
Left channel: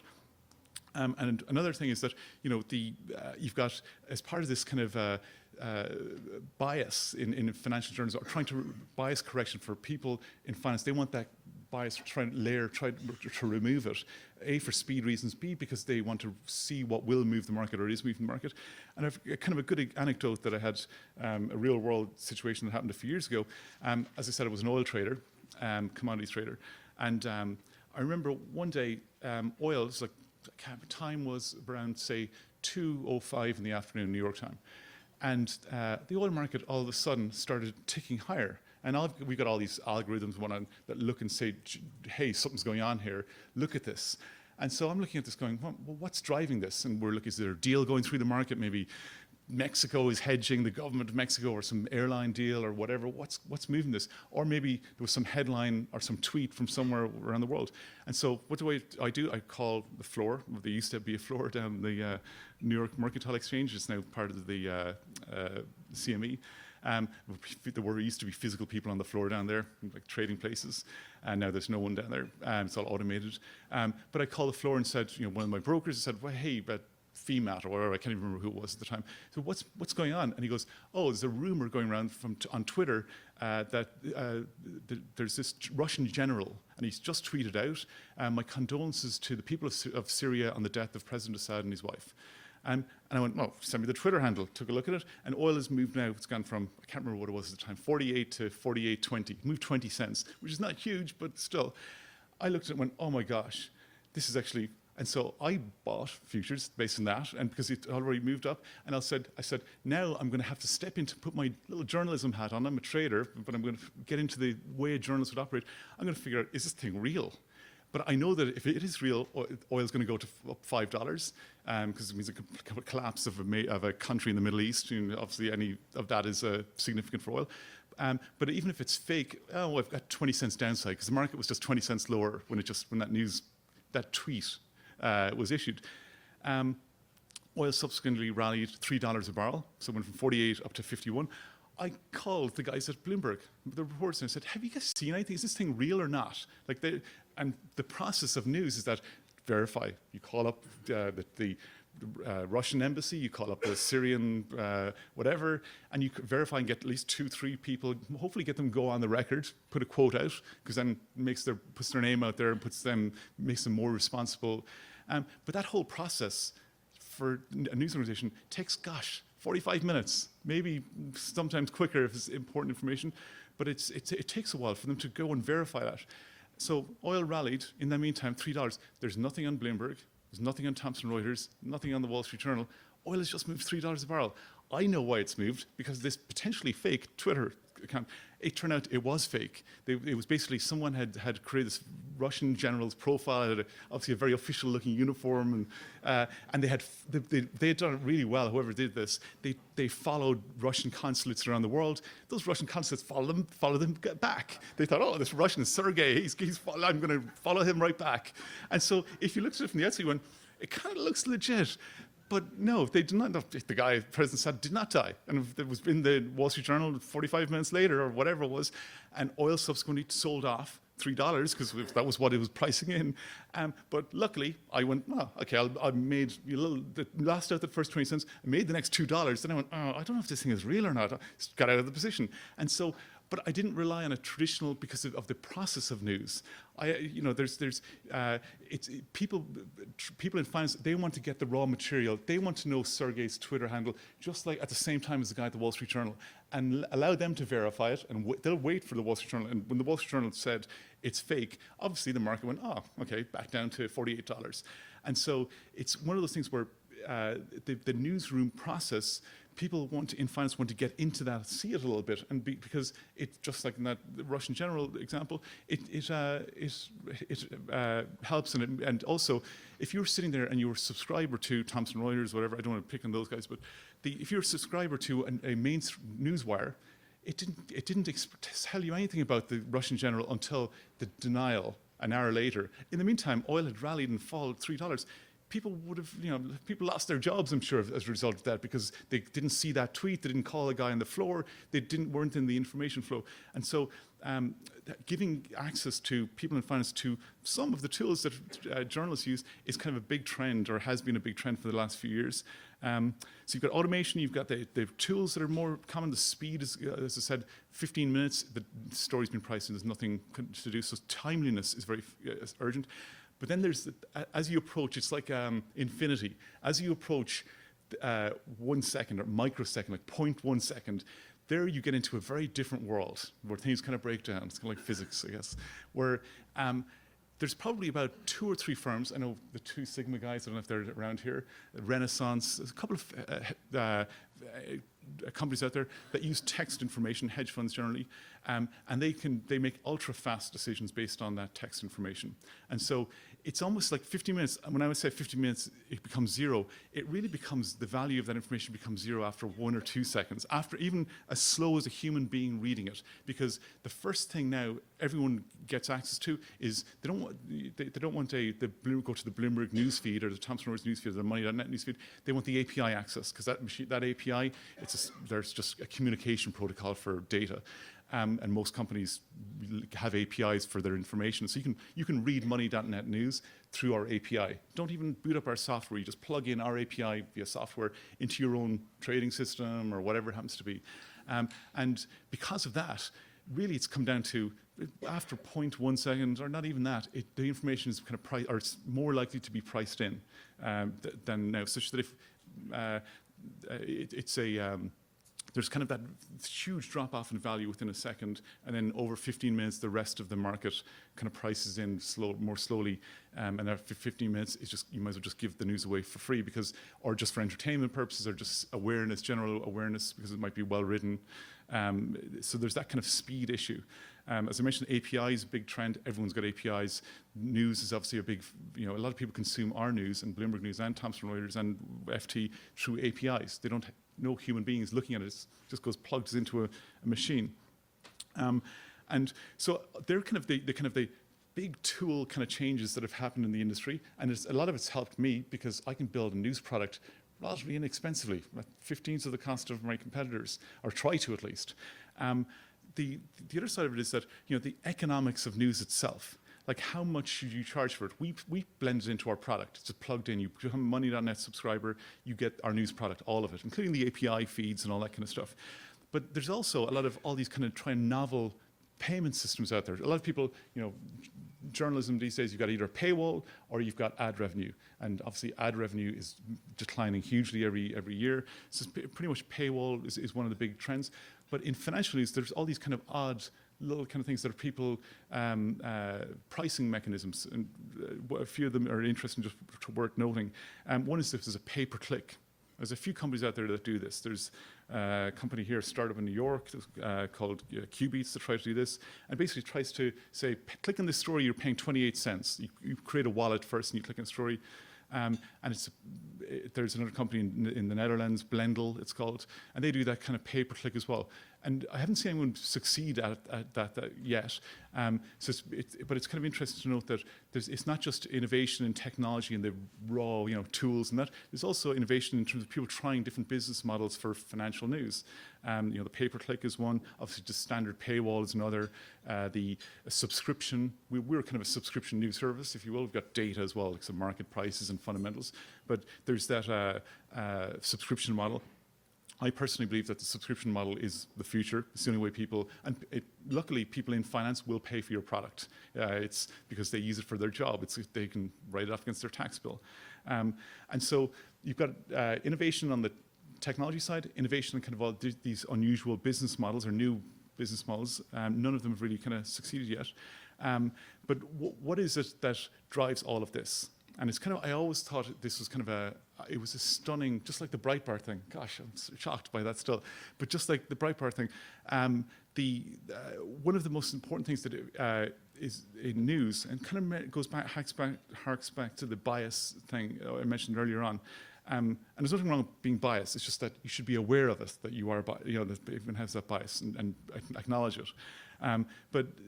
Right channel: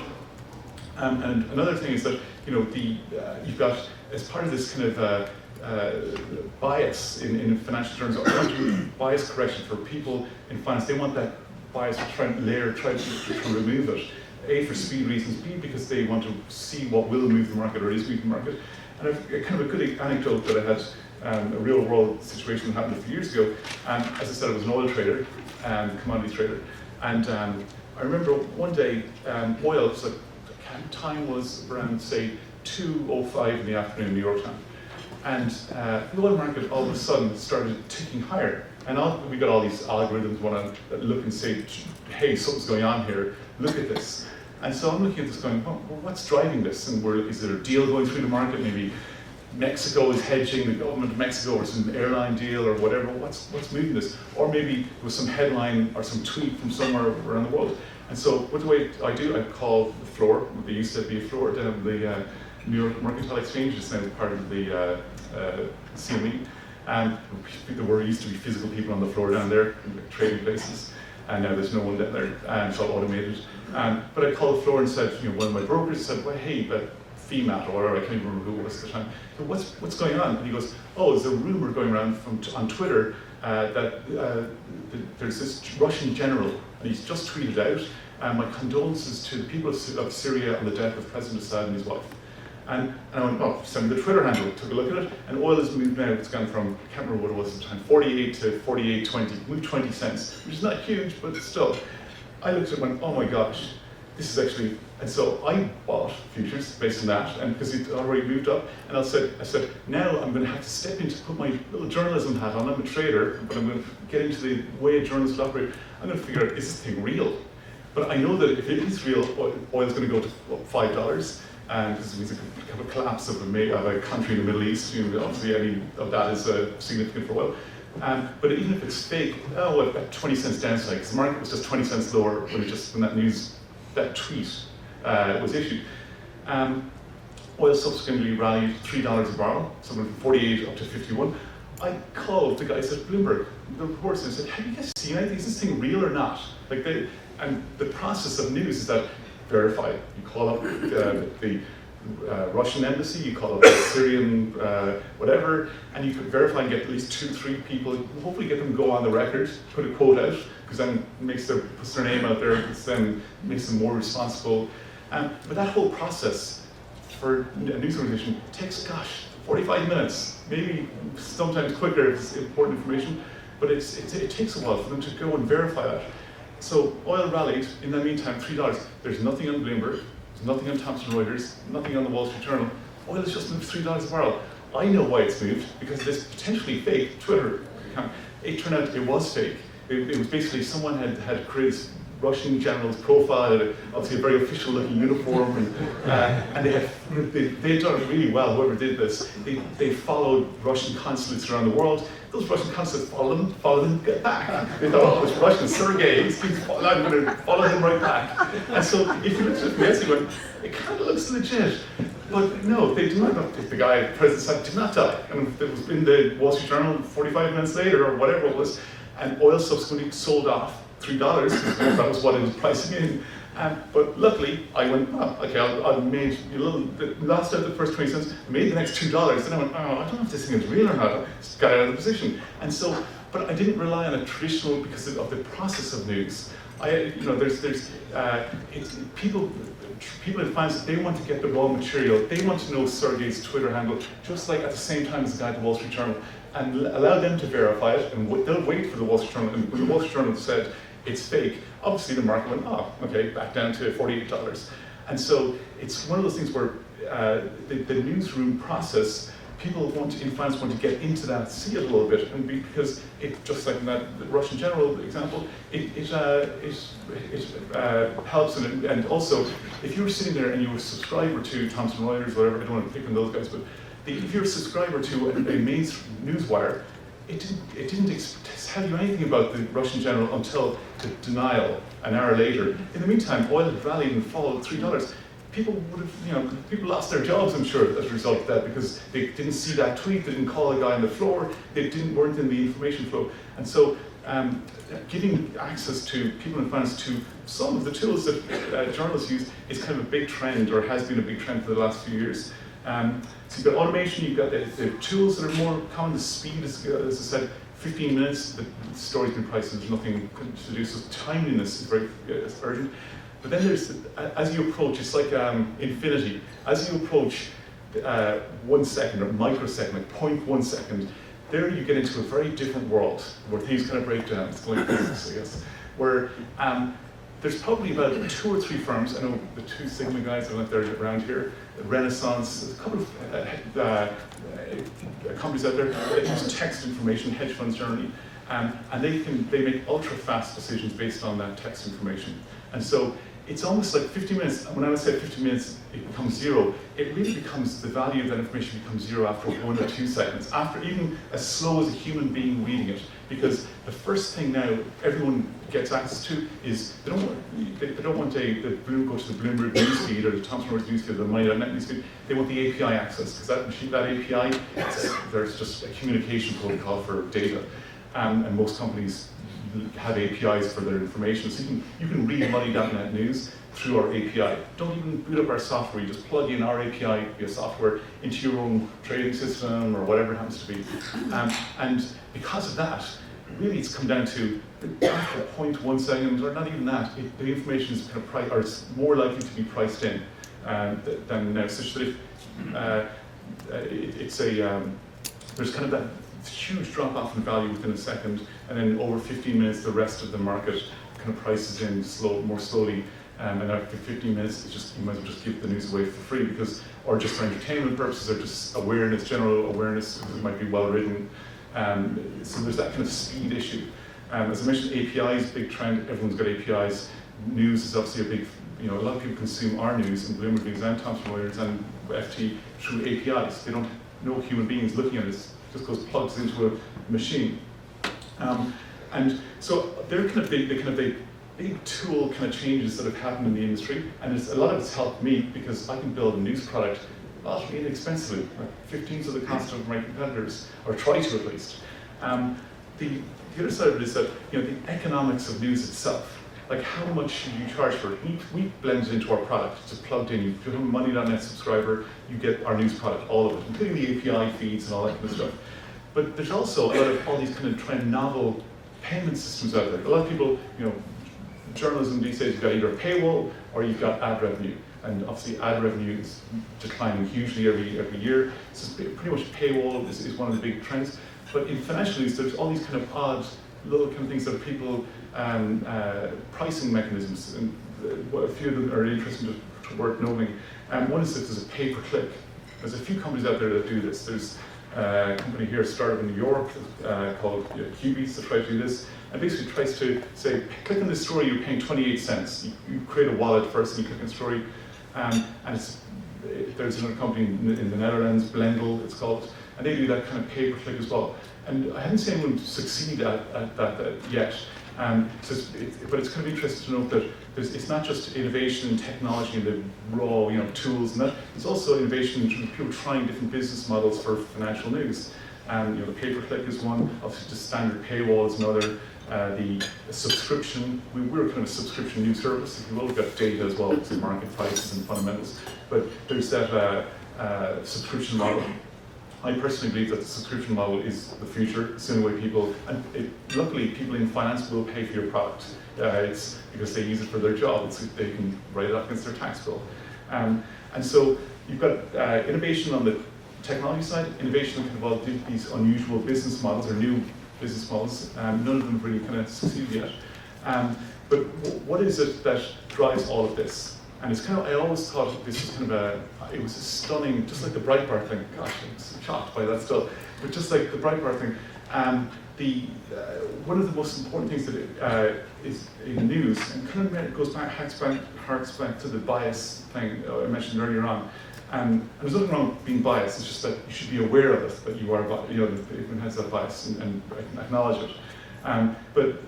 And another thing is that you've got, as part of this kind of bias in financial terms, bias correction for people in finance, they want that bias to try and try to remove it. A, for speed reasons, B, because they want to see what will move the market or is moving the market. And I've kind of a good anecdote that I had, a real world situation that happened a few years ago. As I said, I was an oil trader, commodities trader, and I remember one day, oil, so time was around, say, 2:05 in the afternoon in New York time. And the oil market all of a sudden started ticking higher. And we got all these algorithms want to look and say, hey, something's going on here, look at this. And so I'm looking at this going, well, what's driving this? And is there a deal going through the market? Maybe Mexico is hedging, the government of Mexico, or some airline deal or whatever. What's moving this? Or maybe it was some headline or some tweet from somewhere around the world. And so what I do? I call the floor. There used to be a floor down at the New York Mercantile Exchange, it's now part of the CME. There used to be physical people on the floor down there, trading places, and now there's no one down there, it's all automated. But I called the floor and said, one of my brokers said, well, hey, that FEMAT, or whatever, I can't even remember who it was at the time. So what's going on? And he goes, oh, there's a rumor going around on Twitter that there's this Russian general, and he's just tweeted out, my condolences to the people of Syria on the death of President Assad and his wife. And I went, oh, send me the Twitter handle, took a look at it, and oil has moved now, it's gone from, I can't remember what it was at the time, 48 to 48.20, moved 20 cents, which is not huge, but still. I looked at it and went, oh my gosh, this is actually, and so I bought futures based on that, and because it already moved up, and I said, now I'm going to have to step in to put my little journalism hat on. I'm a trader, but I'm going to get into the way journalists operate. I'm going to figure out, is this thing real? But I know that if it is real, oil's going to go to $5, because it means a collapse of a country in the Middle East. Obviously, any of that is significant for oil. But even if it's fake, at 20 cents downside, because the market was just 20 cents lower when that tweet was issued. Oil subsequently rallied $3 a barrel, so from 48 up to 51. I called the guys at Bloomberg, the reporters, and I said, have you guys seen anything? Is this thing real or not? And the process of news is that verify. You call up the Russian embassy, you call up the Syrian whatever, and you could verify and get at least 2-3 people, hopefully get them to go on the record, put a quote out, because then puts their name out there, makes them more responsible. But that whole process for a news organization takes, 45 minutes, maybe sometimes quicker if it's important information, but it takes a while for them to go and verify that. So oil rallied, in the meantime, $3. There's nothing on Bloomberg, there's nothing on Thomson Reuters, nothing on the Wall Street Journal. Oil has just moved $3 a barrel. I know why it's moved, because this potentially fake Twitter account, it turned out it was fake. It was basically someone had created this Russian general's profile, had obviously a very official looking uniform, and they had done it really well, whoever did this. They followed Russian consulates around the world, those Russian consuls follow them back. They thought, oh, this Russian Sergei, I'm going to follow him right back. And so if you look at it, you went, it kind of looks legit. But no, they do not know. The guy, President Saad, did not die. And it was in the Wall Street Journal 45 minutes later, or whatever it was, and oil subsequently sold off $3, because that was what it was pricing in. But luckily, I went, oh, okay, I made a little, last out the first 20 cents, made the next $2. Then I went, oh, I don't know if this thing is real or not. I just got out of the position. And so, but I didn't rely on a traditional, because of the process of news. People in finance, they want to get the raw material. They want to know Sergei's Twitter handle, just like at the same time as the guy at the Wall Street Journal, and allow them to verify it, and they'll wait for the Wall Street Journal. And when the Wall Street Journal said it's fake, obviously the market went, oh, okay, back down to $48. And so it's one of those things where the newsroom process, people in finance want to get into that, see it a little bit, and because it, just like in that Russian general example, it helps, and also, if you were sitting there and you were a subscriber to Thomson Reuters, whatever, I don't want to pick on those guys, but if you're a subscriber to a main newswire, it didn't tell you anything about the Russian general until the denial an hour later. In the meantime, oil had rallied and fallen $3. People would have, people lost their jobs, I'm sure, as a result of that, because they didn't see that tweet, they didn't call a guy on the floor, they weren't in the information flow. And so, giving access to people in finance to some of the tools that journalists use is kind of a big trend, or has been a big trend for the last few years. So you've got automation, you've got the tools that are more common, the speed, as I said, 15 minutes, the story's been priced, there's nothing to do, so timeliness is very urgent. But then there's, as you approach, it's like infinity. As you approach 1 second or microsecond, like 0.1 second, there you get into a very different world where things kind of break down. It's going physics, I guess. Where there's probably about 2 or 3 firms, I know the 2 Sigma guys, I don't know if they're around here, Renaissance, there's a couple of companies out there that use text information, hedge funds generally, and they make ultra fast decisions based on that text information. And so it's almost like 50 minutes, when I would say 50 minutes, it becomes 0, it really becomes, the value of that information becomes 0 after 1 or 2 seconds, after even as slow as a human being reading it. Because the first thing now everyone gets access to is, they don't want go to the Bloomberg newsfeed or the Thomson Reuters newsfeed or the MyNet newsfeed, they want the API access, because that API, there's just a communication protocol for data, and most companies have APIs for their information, so you can read money.net news through our API. Don't even boot up our software, you just plug in our API via software into your own trading system or whatever it happens to be. And because of that, really it's come down to after 0.1 second, or not even that, the information is kind of is more likely to be priced in than now. Such that there's kind of that huge drop off in value within a second, and then over 15 minutes, the rest of the market kind of prices in more slowly. And after 15 minutes, it's just, you might as well just give the news away for free, or just for entertainment purposes, or just awareness, general awareness, because it might be well written. So there's that kind of speed issue. As I mentioned, APIs, big trend, everyone's got APIs. News is obviously a big, a lot of people consume our news, and Bloomberg News, and Thomson Reuters, and FT through APIs. They don't know human beings looking at it, it just goes plugs into a machine. And so they're kind of the big tool kind of changes that have happened in the industry, and a lot of it's helped me because I can build a news product relatively inexpensively, like 15th of the cost of my competitors, or try to at least. The other side of it is that the economics of news itself, like how much should you charge for it? We blend it into our product. It's just plugged in. You become a money.net subscriber, you get our news product, all of it, including the API feeds and all that kind of stuff. But there's also a lot of all these kind of novel payment systems out there. A lot of people, journalism these days, you've got either a paywall or you've got ad revenue. And obviously ad revenue is declining hugely every year. So pretty much paywall is one of the big trends. But in financial news, there's all these kind of odd little kind of things that people, pricing mechanisms, and a few of them are interesting to worth knowing. One is that there's a pay-per-click. There's a few companies out there that do this. There's a company here, started in New York, called Qbeats, that tries to do this. And basically tries to say, click on this story, you're paying 28 cents. You create a wallet first and you click on the story. And there's another company in the Netherlands, Blendel it's called, and they do that kind of pay-per-click as well. And I haven't seen anyone succeed at that yet. But it's kind of interesting to note that it's not just innovation in technology and the raw tools and that. There's also innovation in terms of people trying different business models for financial news. The pay-per-click is one. Obviously, the standard paywall is another. The subscription, we're kind of a subscription news service. If you will, we've got data as well, so market prices and fundamentals. But there's that subscription model. I personally believe that the subscription model is the future. It's the only way people, and luckily people in finance will pay for your product. It's because they use it for their job. They can write it off against their tax bill. And so you've got innovation on the technology side, innovation on kind of these unusual business models or new business models. None of them have really kind of succeeded yet. But what is it that drives all of this? And it's kind of, I always thought this was kind of it was a stunning, just like the Breitbart thing. Gosh, I was shocked by that still. But just like the Breitbart thing, one of the most important things that is in news, and kind of it goes back, harks back to the bias thing I mentioned earlier on. And there's nothing wrong with being biased. It's just that you should be aware of it, that you are, that it has that bias, and acknowledge it. But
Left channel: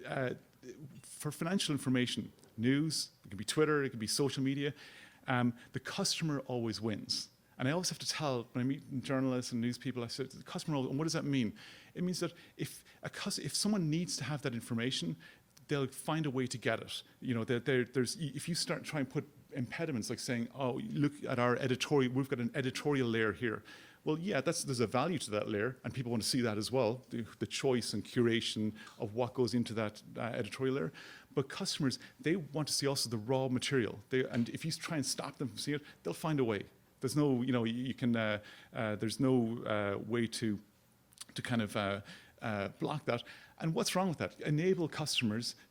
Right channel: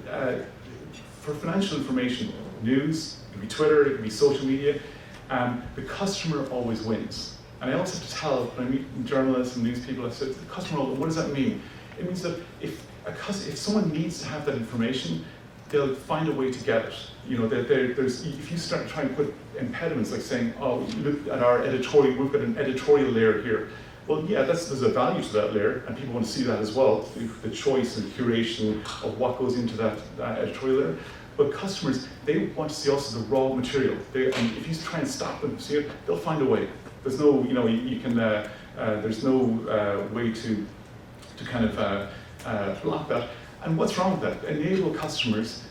for financial information, news, it could be Twitter, it could be social media. The customer always wins. And I always have to tell, when I meet journalists and news people, I said, the customer, what does that mean? It means that if someone needs to have that information, they'll find a way to get it. If you start trying to put impediments, like saying, oh, look at our editorial, we've got an editorial layer here. Well, yeah, there's a value to that layer, and people want to see that as well, the choice and curation of what goes into that editorial layer. But customers, they want to see also the raw material. And if you try and stop them, see it, they'll find a way. There's no, there's no way to kind of block that. And what's wrong with that? Enable customers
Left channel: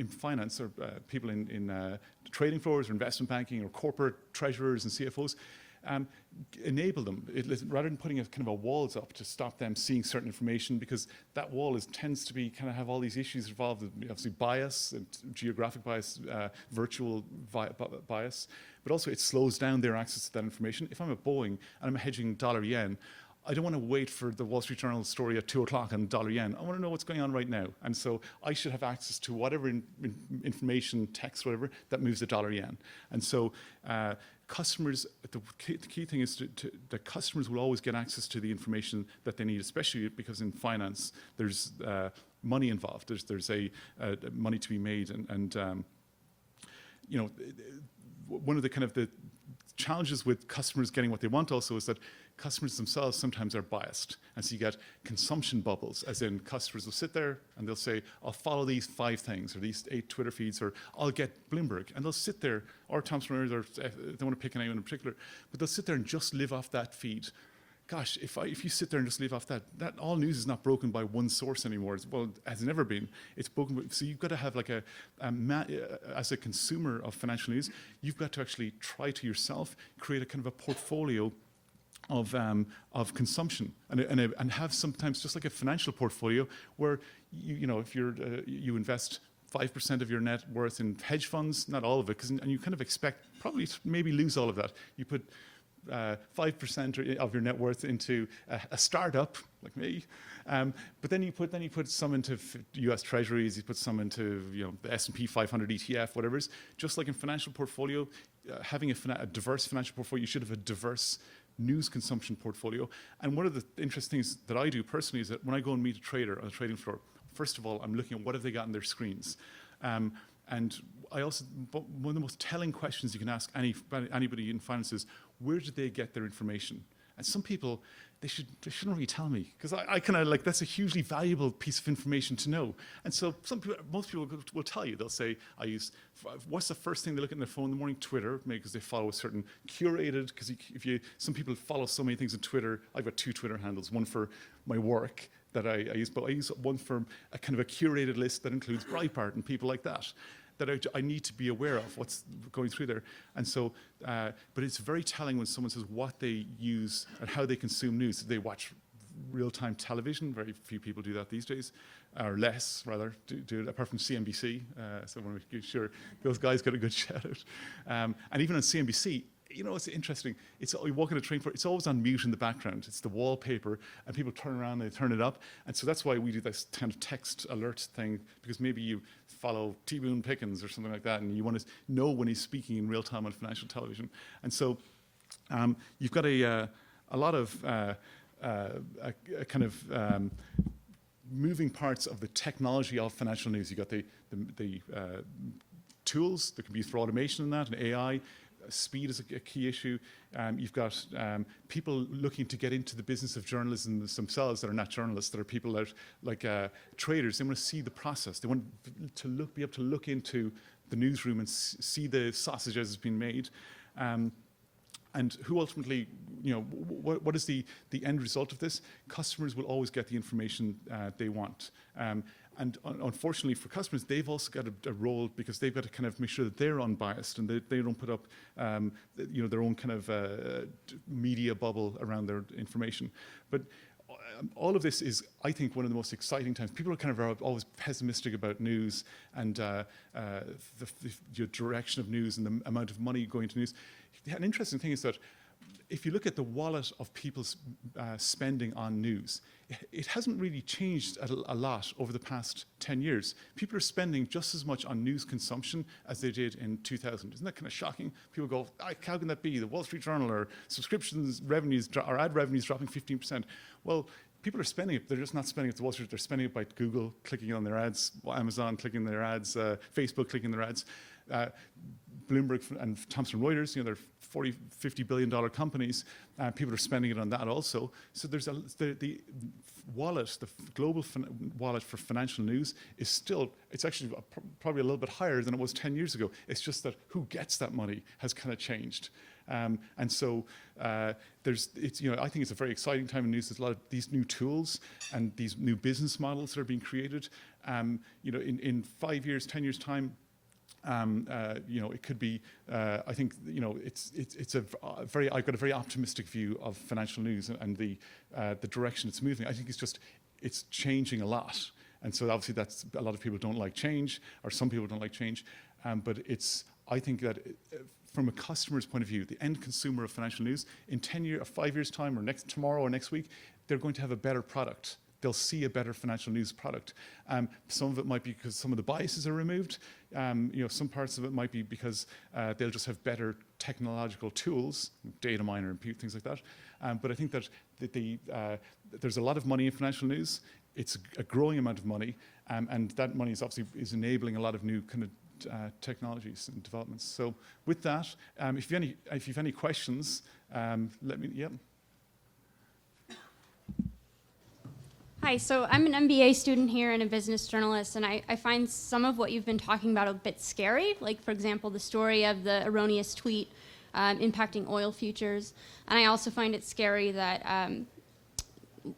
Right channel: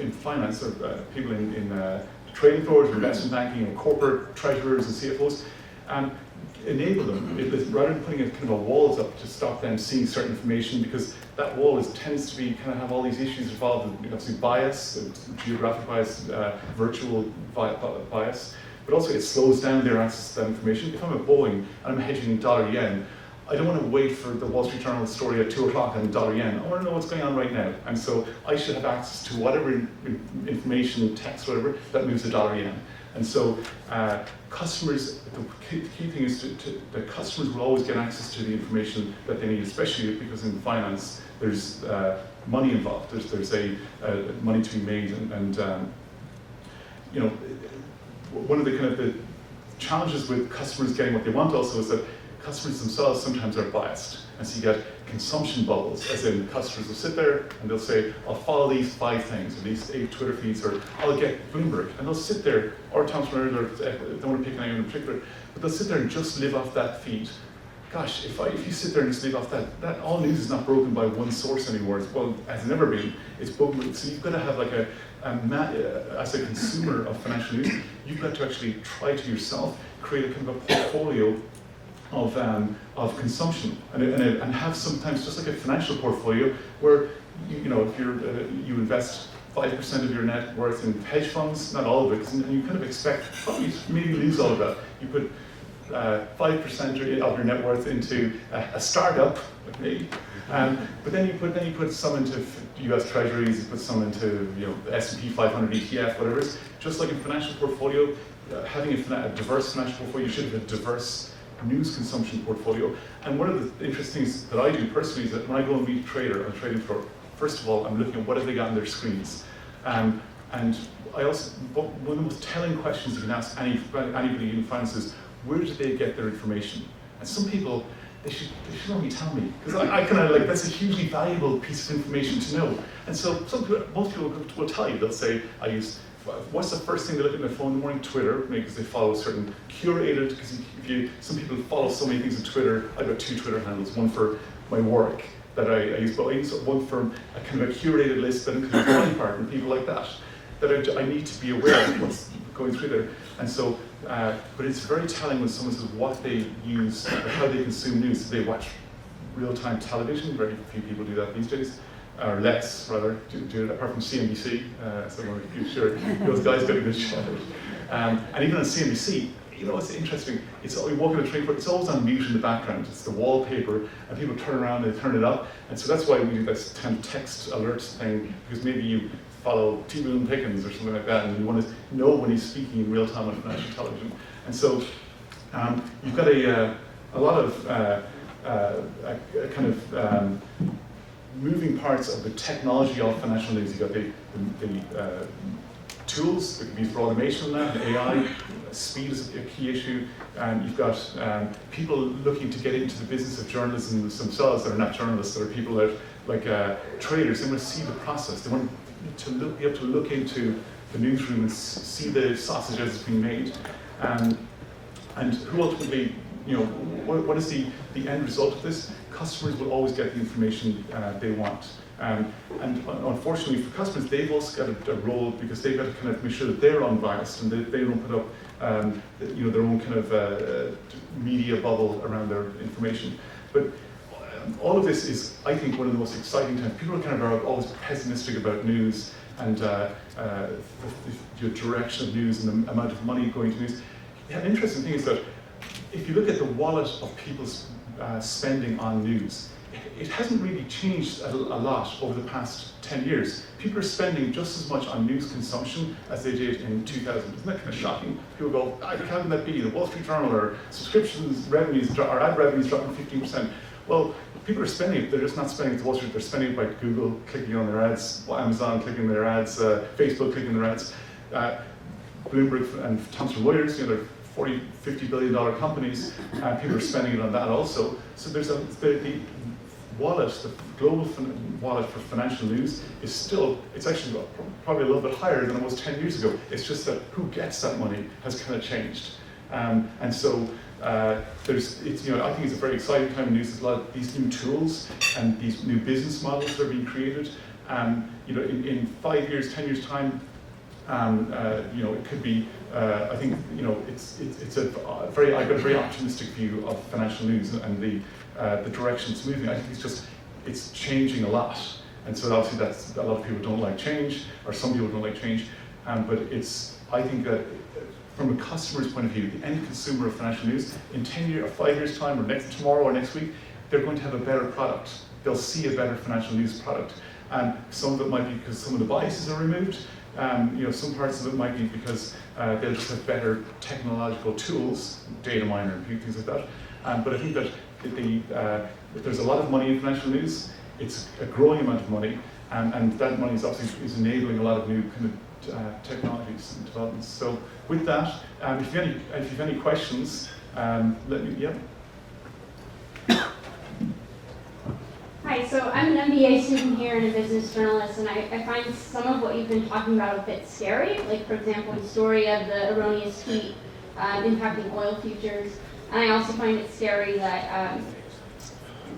in finance, or people in trading floors, or investment banking, or corporate treasurers and CFOs, enable them, rather than putting a kind of a walls up to stop them seeing certain information, because that wall tends to be kind of have all these issues involved in bias, geographic bias, virtual bias, but also it slows down their access to that information. If I'm at Boeing and I'm hedging dollar-yen, I don't want to wait for the Wall Street Journal story at 2 o'clock on dollar-yen. I want to know what's going on right now. And so I should have access to whatever information, text, whatever, that moves the dollar-yen. And so customers, the key thing is that customers will always get access to the information that they need, especially because in finance there's money involved. There's a money to be made, and one of the kind of the challenges with customers getting what they want also is that customers themselves sometimes are biased. And so you get consumption bubbles, as in customers will sit there and they'll say, I'll follow these 5 things, or these 8 Twitter feeds, or I'll get Bloomberg. And they'll sit there, or Thomson Reuters, or don't want to pick anyone in particular, but they'll sit there and just live off that feed. Gosh, if you sit there and just live off that all news is not broken by one source anymore. It has never been. It's broken. So you've got to have like as a consumer of financial news, you've got to actually try to yourself create a kind of a portfolio of consumption, and have sometimes just like a financial portfolio where if you invest 5% of your net worth in hedge funds, not all of it, and you kind of expect probably maybe lose all of that. You put 5% of your net worth into a startup, like me, but then you put some into U.S. Treasuries, you put some into the S&P 500 ETF, whatever it is. Just like a financial portfolio, having a diverse financial portfolio, you should have a diverse news consumption portfolio. And one of the interesting things that I do personally is that when I go and meet a trader on the trading floor, first of all, I'm looking at what have they got on their screens. And I also, one of the most telling questions you can ask anybody in finance is, where do they get their information? And some people, they should only tell me, because I kind of that's a hugely valuable piece of information to know. And so most people will tell you, they'll say, what's the first thing they look at their phone in the morning? Twitter, because they follow certain curated, because some people follow so many things on Twitter. I've got 2 Twitter handles, one for my work that I use, but I use one from a kind of a curated list that includes my part and people like that I need to be aware of what's going through there. And so, but it's very telling when someone says what they use, or how they consume news. They watch real-time television, very few people do that these days. Or less, rather, do it, apart from CNBC, so I'm sure those guys get a good shot at it. And even on CNBC, you know, it's interesting. We walk in a train, it's always on mute in the background. It's the wallpaper, and people turn around, they turn it up, and so that's why we do this kind of text alert thing, because maybe you follow T. Boone Pickens or something like that, and you want to know when he's speaking in real time on financial television. And so you've got a lot of kind of moving parts of the technology of financial news. You've got the tools that can be used for automation and that, and AI. Speed is a key issue. And you've got people looking to get into the business of journalism themselves that are not journalists, that are people that, like traders, they want to see the process. They want to be able to look into the newsroom and see the sausage as it's being made. And who ultimately, you know, what is the end result of this? Customers will always get the information they want. And unfortunately for customers, they've also got a role, because they've got to kind of make sure that they're unbiased and they don't put up you know, their own kind of media bubble around their information. But all of this is, I think, one of the most exciting times. People are kind of always pessimistic about news and the direction of news and the amount of money going to news. The interesting thing is that if you look at the wallet of people's spending on news, it hasn't really changed a lot over the past 10 years. People are spending just as much on news consumption as they did in 2000. Isn't that kind of shocking? People go, how can that be? The Wall Street Journal, or subscriptions, revenues, or ad revenues dropping 15%. Well, people are spending it, they're just not spending it to Wall Street, they're spending it by Google clicking on their ads, Amazon clicking their ads, Facebook clicking their ads. Bloomberg and Thomson Reuters, you know, they're $40, $50 billion companies, and people are spending it on that also. So there's the wallet, the global wallet for financial news is still, it's actually probably a little bit higher than it was 10 years ago. It's just that who gets that money has kind of changed. And so you know, I think it's a very exciting time in news. There's a lot of these new tools and these new business models that are being created. You know, in 5 years, 10 years time, you know, it could be. I think, you know, I've got a very optimistic view of financial news and the direction it's moving. I think it's changing a lot, and so obviously a lot of people don't like change, or some people don't like change. But I think that from a customer's point of view, the end consumer of financial news, in 10 years or 5 years time, or tomorrow or next week, they're going to have a better product. They'll see a better financial news product, and some of it might be because some of the biases are removed. You know, some parts of it might be because they'll just have better technological tools, data miner and things like that. But I think that there's a lot of money in financial news. It's a growing amount of money, and that money is enabling a lot of new kind of technologies and developments. So with that, if you have any questions, let me, yeah. Hi, so I'm an MBA student here and a business journalist, and I find some of what you've been talking about a bit scary, like, for example, the story of the erroneous tweet impacting oil futures. And I also find it scary that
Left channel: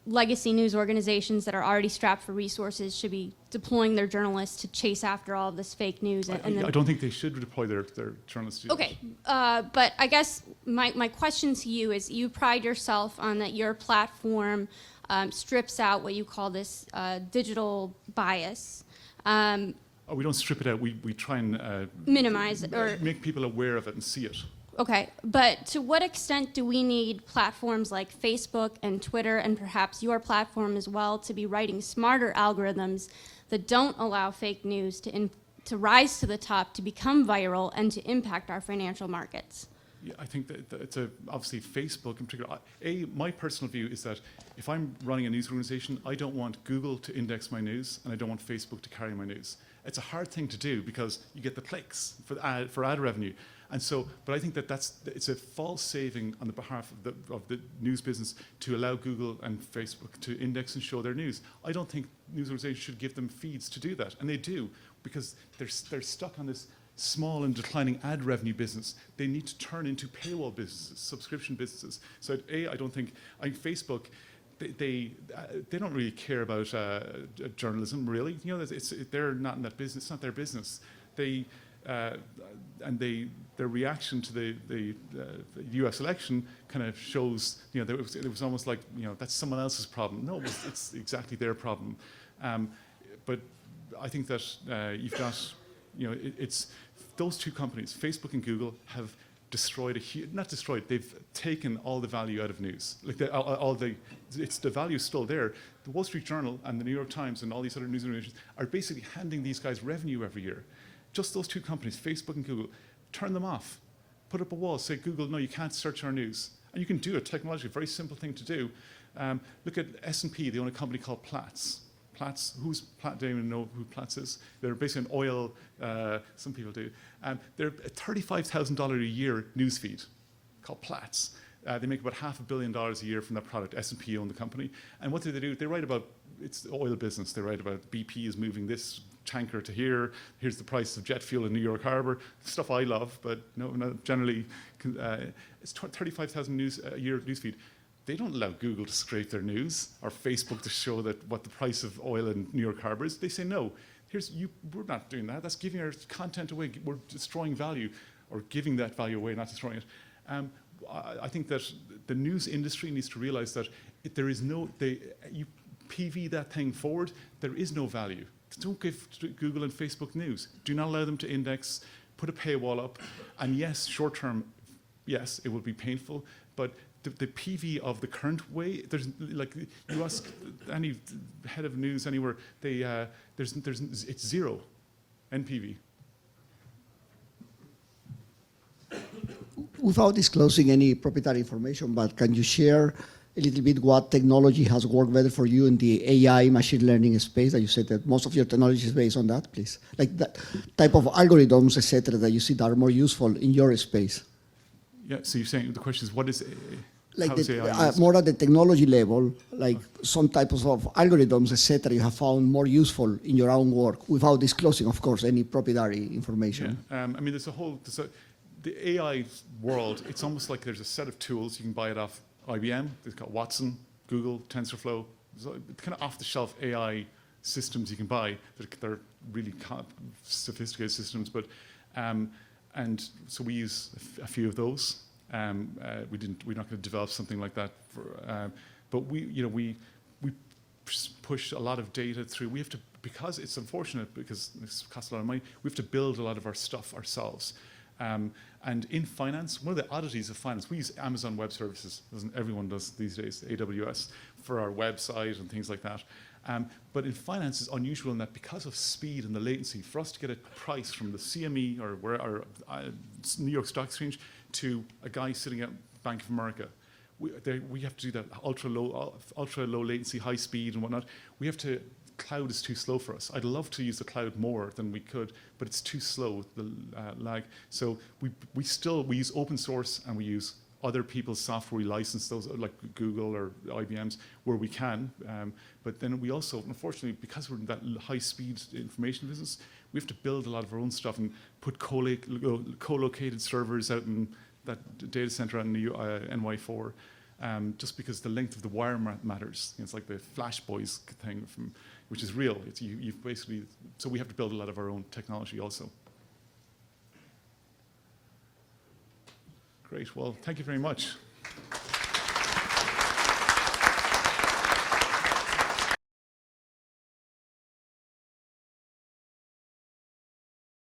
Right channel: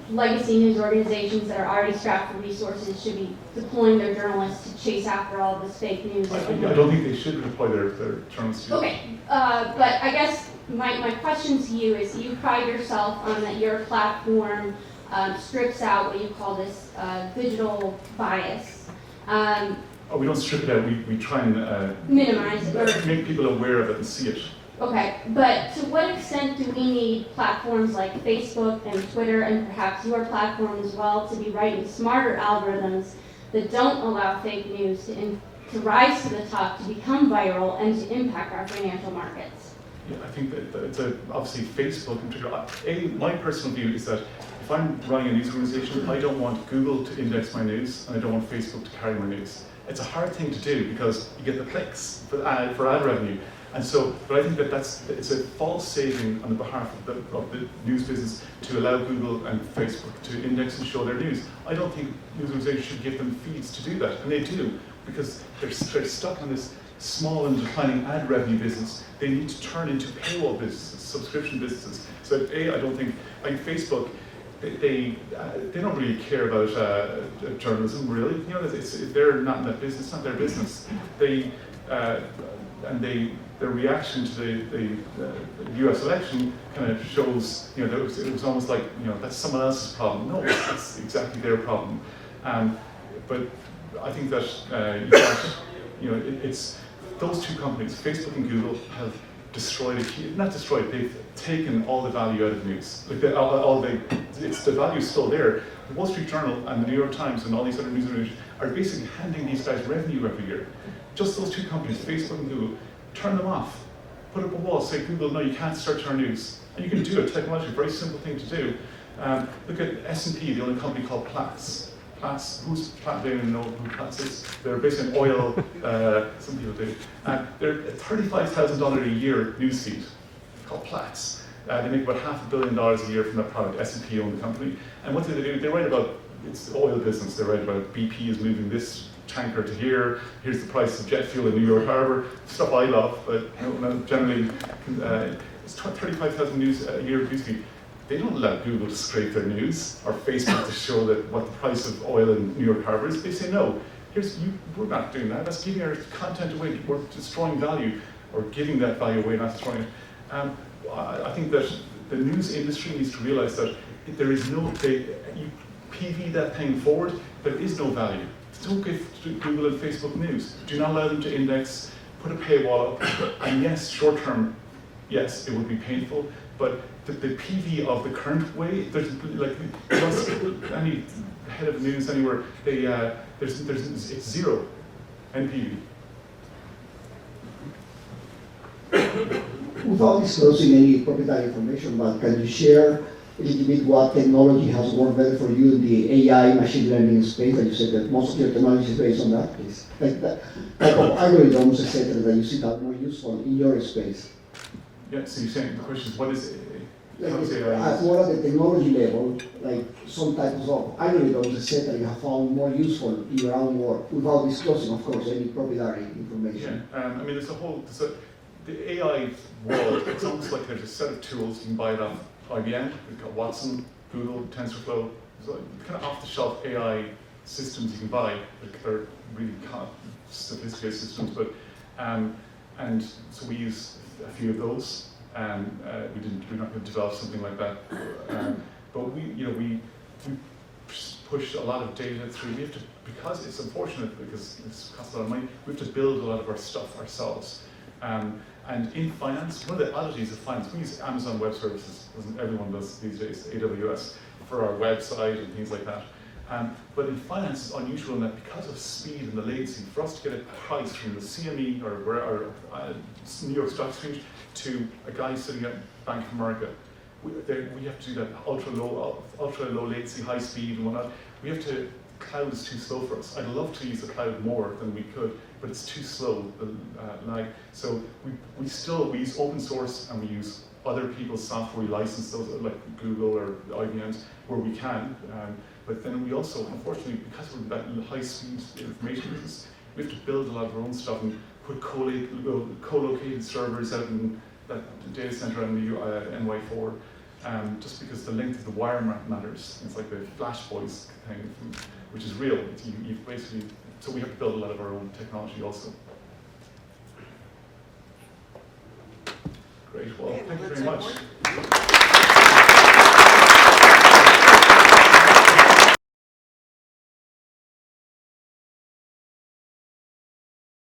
legacy news organizations that are already strapped for resources should be deploying their journalists to chase after all this fake news. I don't think they should deploy their journalists. Okay, but I guess my question to you is, you pride yourself on that your platform strips out what you call this digital bias. We don't strip it out, we try and minimize it, or make people aware of it and see it. Okay, but to what extent do we need platforms like Facebook and Twitter, and perhaps your platform as well, to be writing smarter algorithms that don't allow fake news to rise to the top, to become viral, and to impact our financial markets? Yeah, I think that it's obviously Facebook in particular. My personal view is that if I'm running a news organization, I don't want Google to index my news, and I don't want Facebook to carry my news. It's a hard thing to do because you get the clicks for ad revenue. And so, but I think that it's a false saving on behalf of the news business to allow Google and Facebook to index and show their news. I don't think news organizations should give them fees to do that, and they do, because they're stuck on this small and declining ad revenue business. They need to turn into paywall businesses, subscription businesses. So I don't think, like Facebook, they don't really care about journalism, really. You know, they're not in that business. It's not their business. Their reaction to the U.S. election kind of shows, you know, it was almost like, you know, that's someone else's problem. No, it's exactly their problem. But I think that you've got, you know, it's those two companies, Facebook and Google, have destroyed it, not destroyed, they've taken all the value out of news. Like the value's still there. The Wall Street Journal and the New York Times and all these other news organizations are basically handing these guys revenue every year. Just those two companies, Facebook and Google, turn them off. Put up a wall, say, Google, no, you can't search our news. And you can do it technologically, very simple thing to do. Look at S&P, the only company called Platts. Platts, who's Platts? They don't even know who Platts is. They're basically an oil, some people do. They're a $35,000 a year newsfeed called Platts. They make about $500 million a year from that product. S&P owned the company. And what do? They write about, it's the oil business. They write about BP is moving this tanker to here. Here's the price of jet fuel in New York Harbor. Stuff I love, but generally, it's 35,000 a year newsfeed. They don't allow Google to scrape their news or Facebook to show that what the price of oil in New York Harbor is. They say no. We're not doing that. That's giving our content away. We're destroying value, or giving that value away, not destroying it. I think that the news industry needs to realize that there is no. You PV that thing forward. There is no value. Don't give Google and Facebook news. Do not allow them to index. Put a paywall up. And yes, short term, yes, it will be painful, but the PV of the current way, there's like any head of news anywhere, it's zero NPV. Without disclosing any proprietary information, but can you share a little bit what technology has worked better for you in the AI machine learning space? That you said that most of your technology is based on that, please. Like that type of algorithms, etc., that you see that are more useful in your space. Yeah. So you're saying the question is, what is like more at the technology level, like some types of algorithms, etc., you have found more useful in your own work, without disclosing, of course, any proprietary information. Yeah. I mean, the AI world, it's almost like there's a set of tools. You can buy it off IBM, they've got Watson, Google, TensorFlow, so kind of off-the-shelf AI systems you can buy. They're really sophisticated systems, but and so we use a few of those. We're not going to develop something like that, but we push a lot of data through. We have to, because it's unfortunate, because it costs a lot of money. We have to build a lot of our stuff ourselves. And in finance, one of the oddities of finance, we use Amazon Web Services, as everyone does these days, AWS, for our website and things like that. But in finance, it's unusual in that because of speed and the latency, for us to get a price from the CME or New York Stock Exchange to a guy sitting at Bank of America, we have to do that ultra low latency, high speed and whatnot. Cloud is too slow for us. I'd love to use the cloud more than we could, but it's too slow, the lag. So we use open source, and we use other people's software. We license those, like Google or IBM's, where we can. But then we also, unfortunately, because we're that high speed information business, we have to build a lot of our own stuff and put co-located servers out in that data center out in the NY4. Just because the length of the wire matters. Things like the Flash Boys thing, which is real. You basically, so we have to build a lot of our own technology also. Great. Well, thank you very much.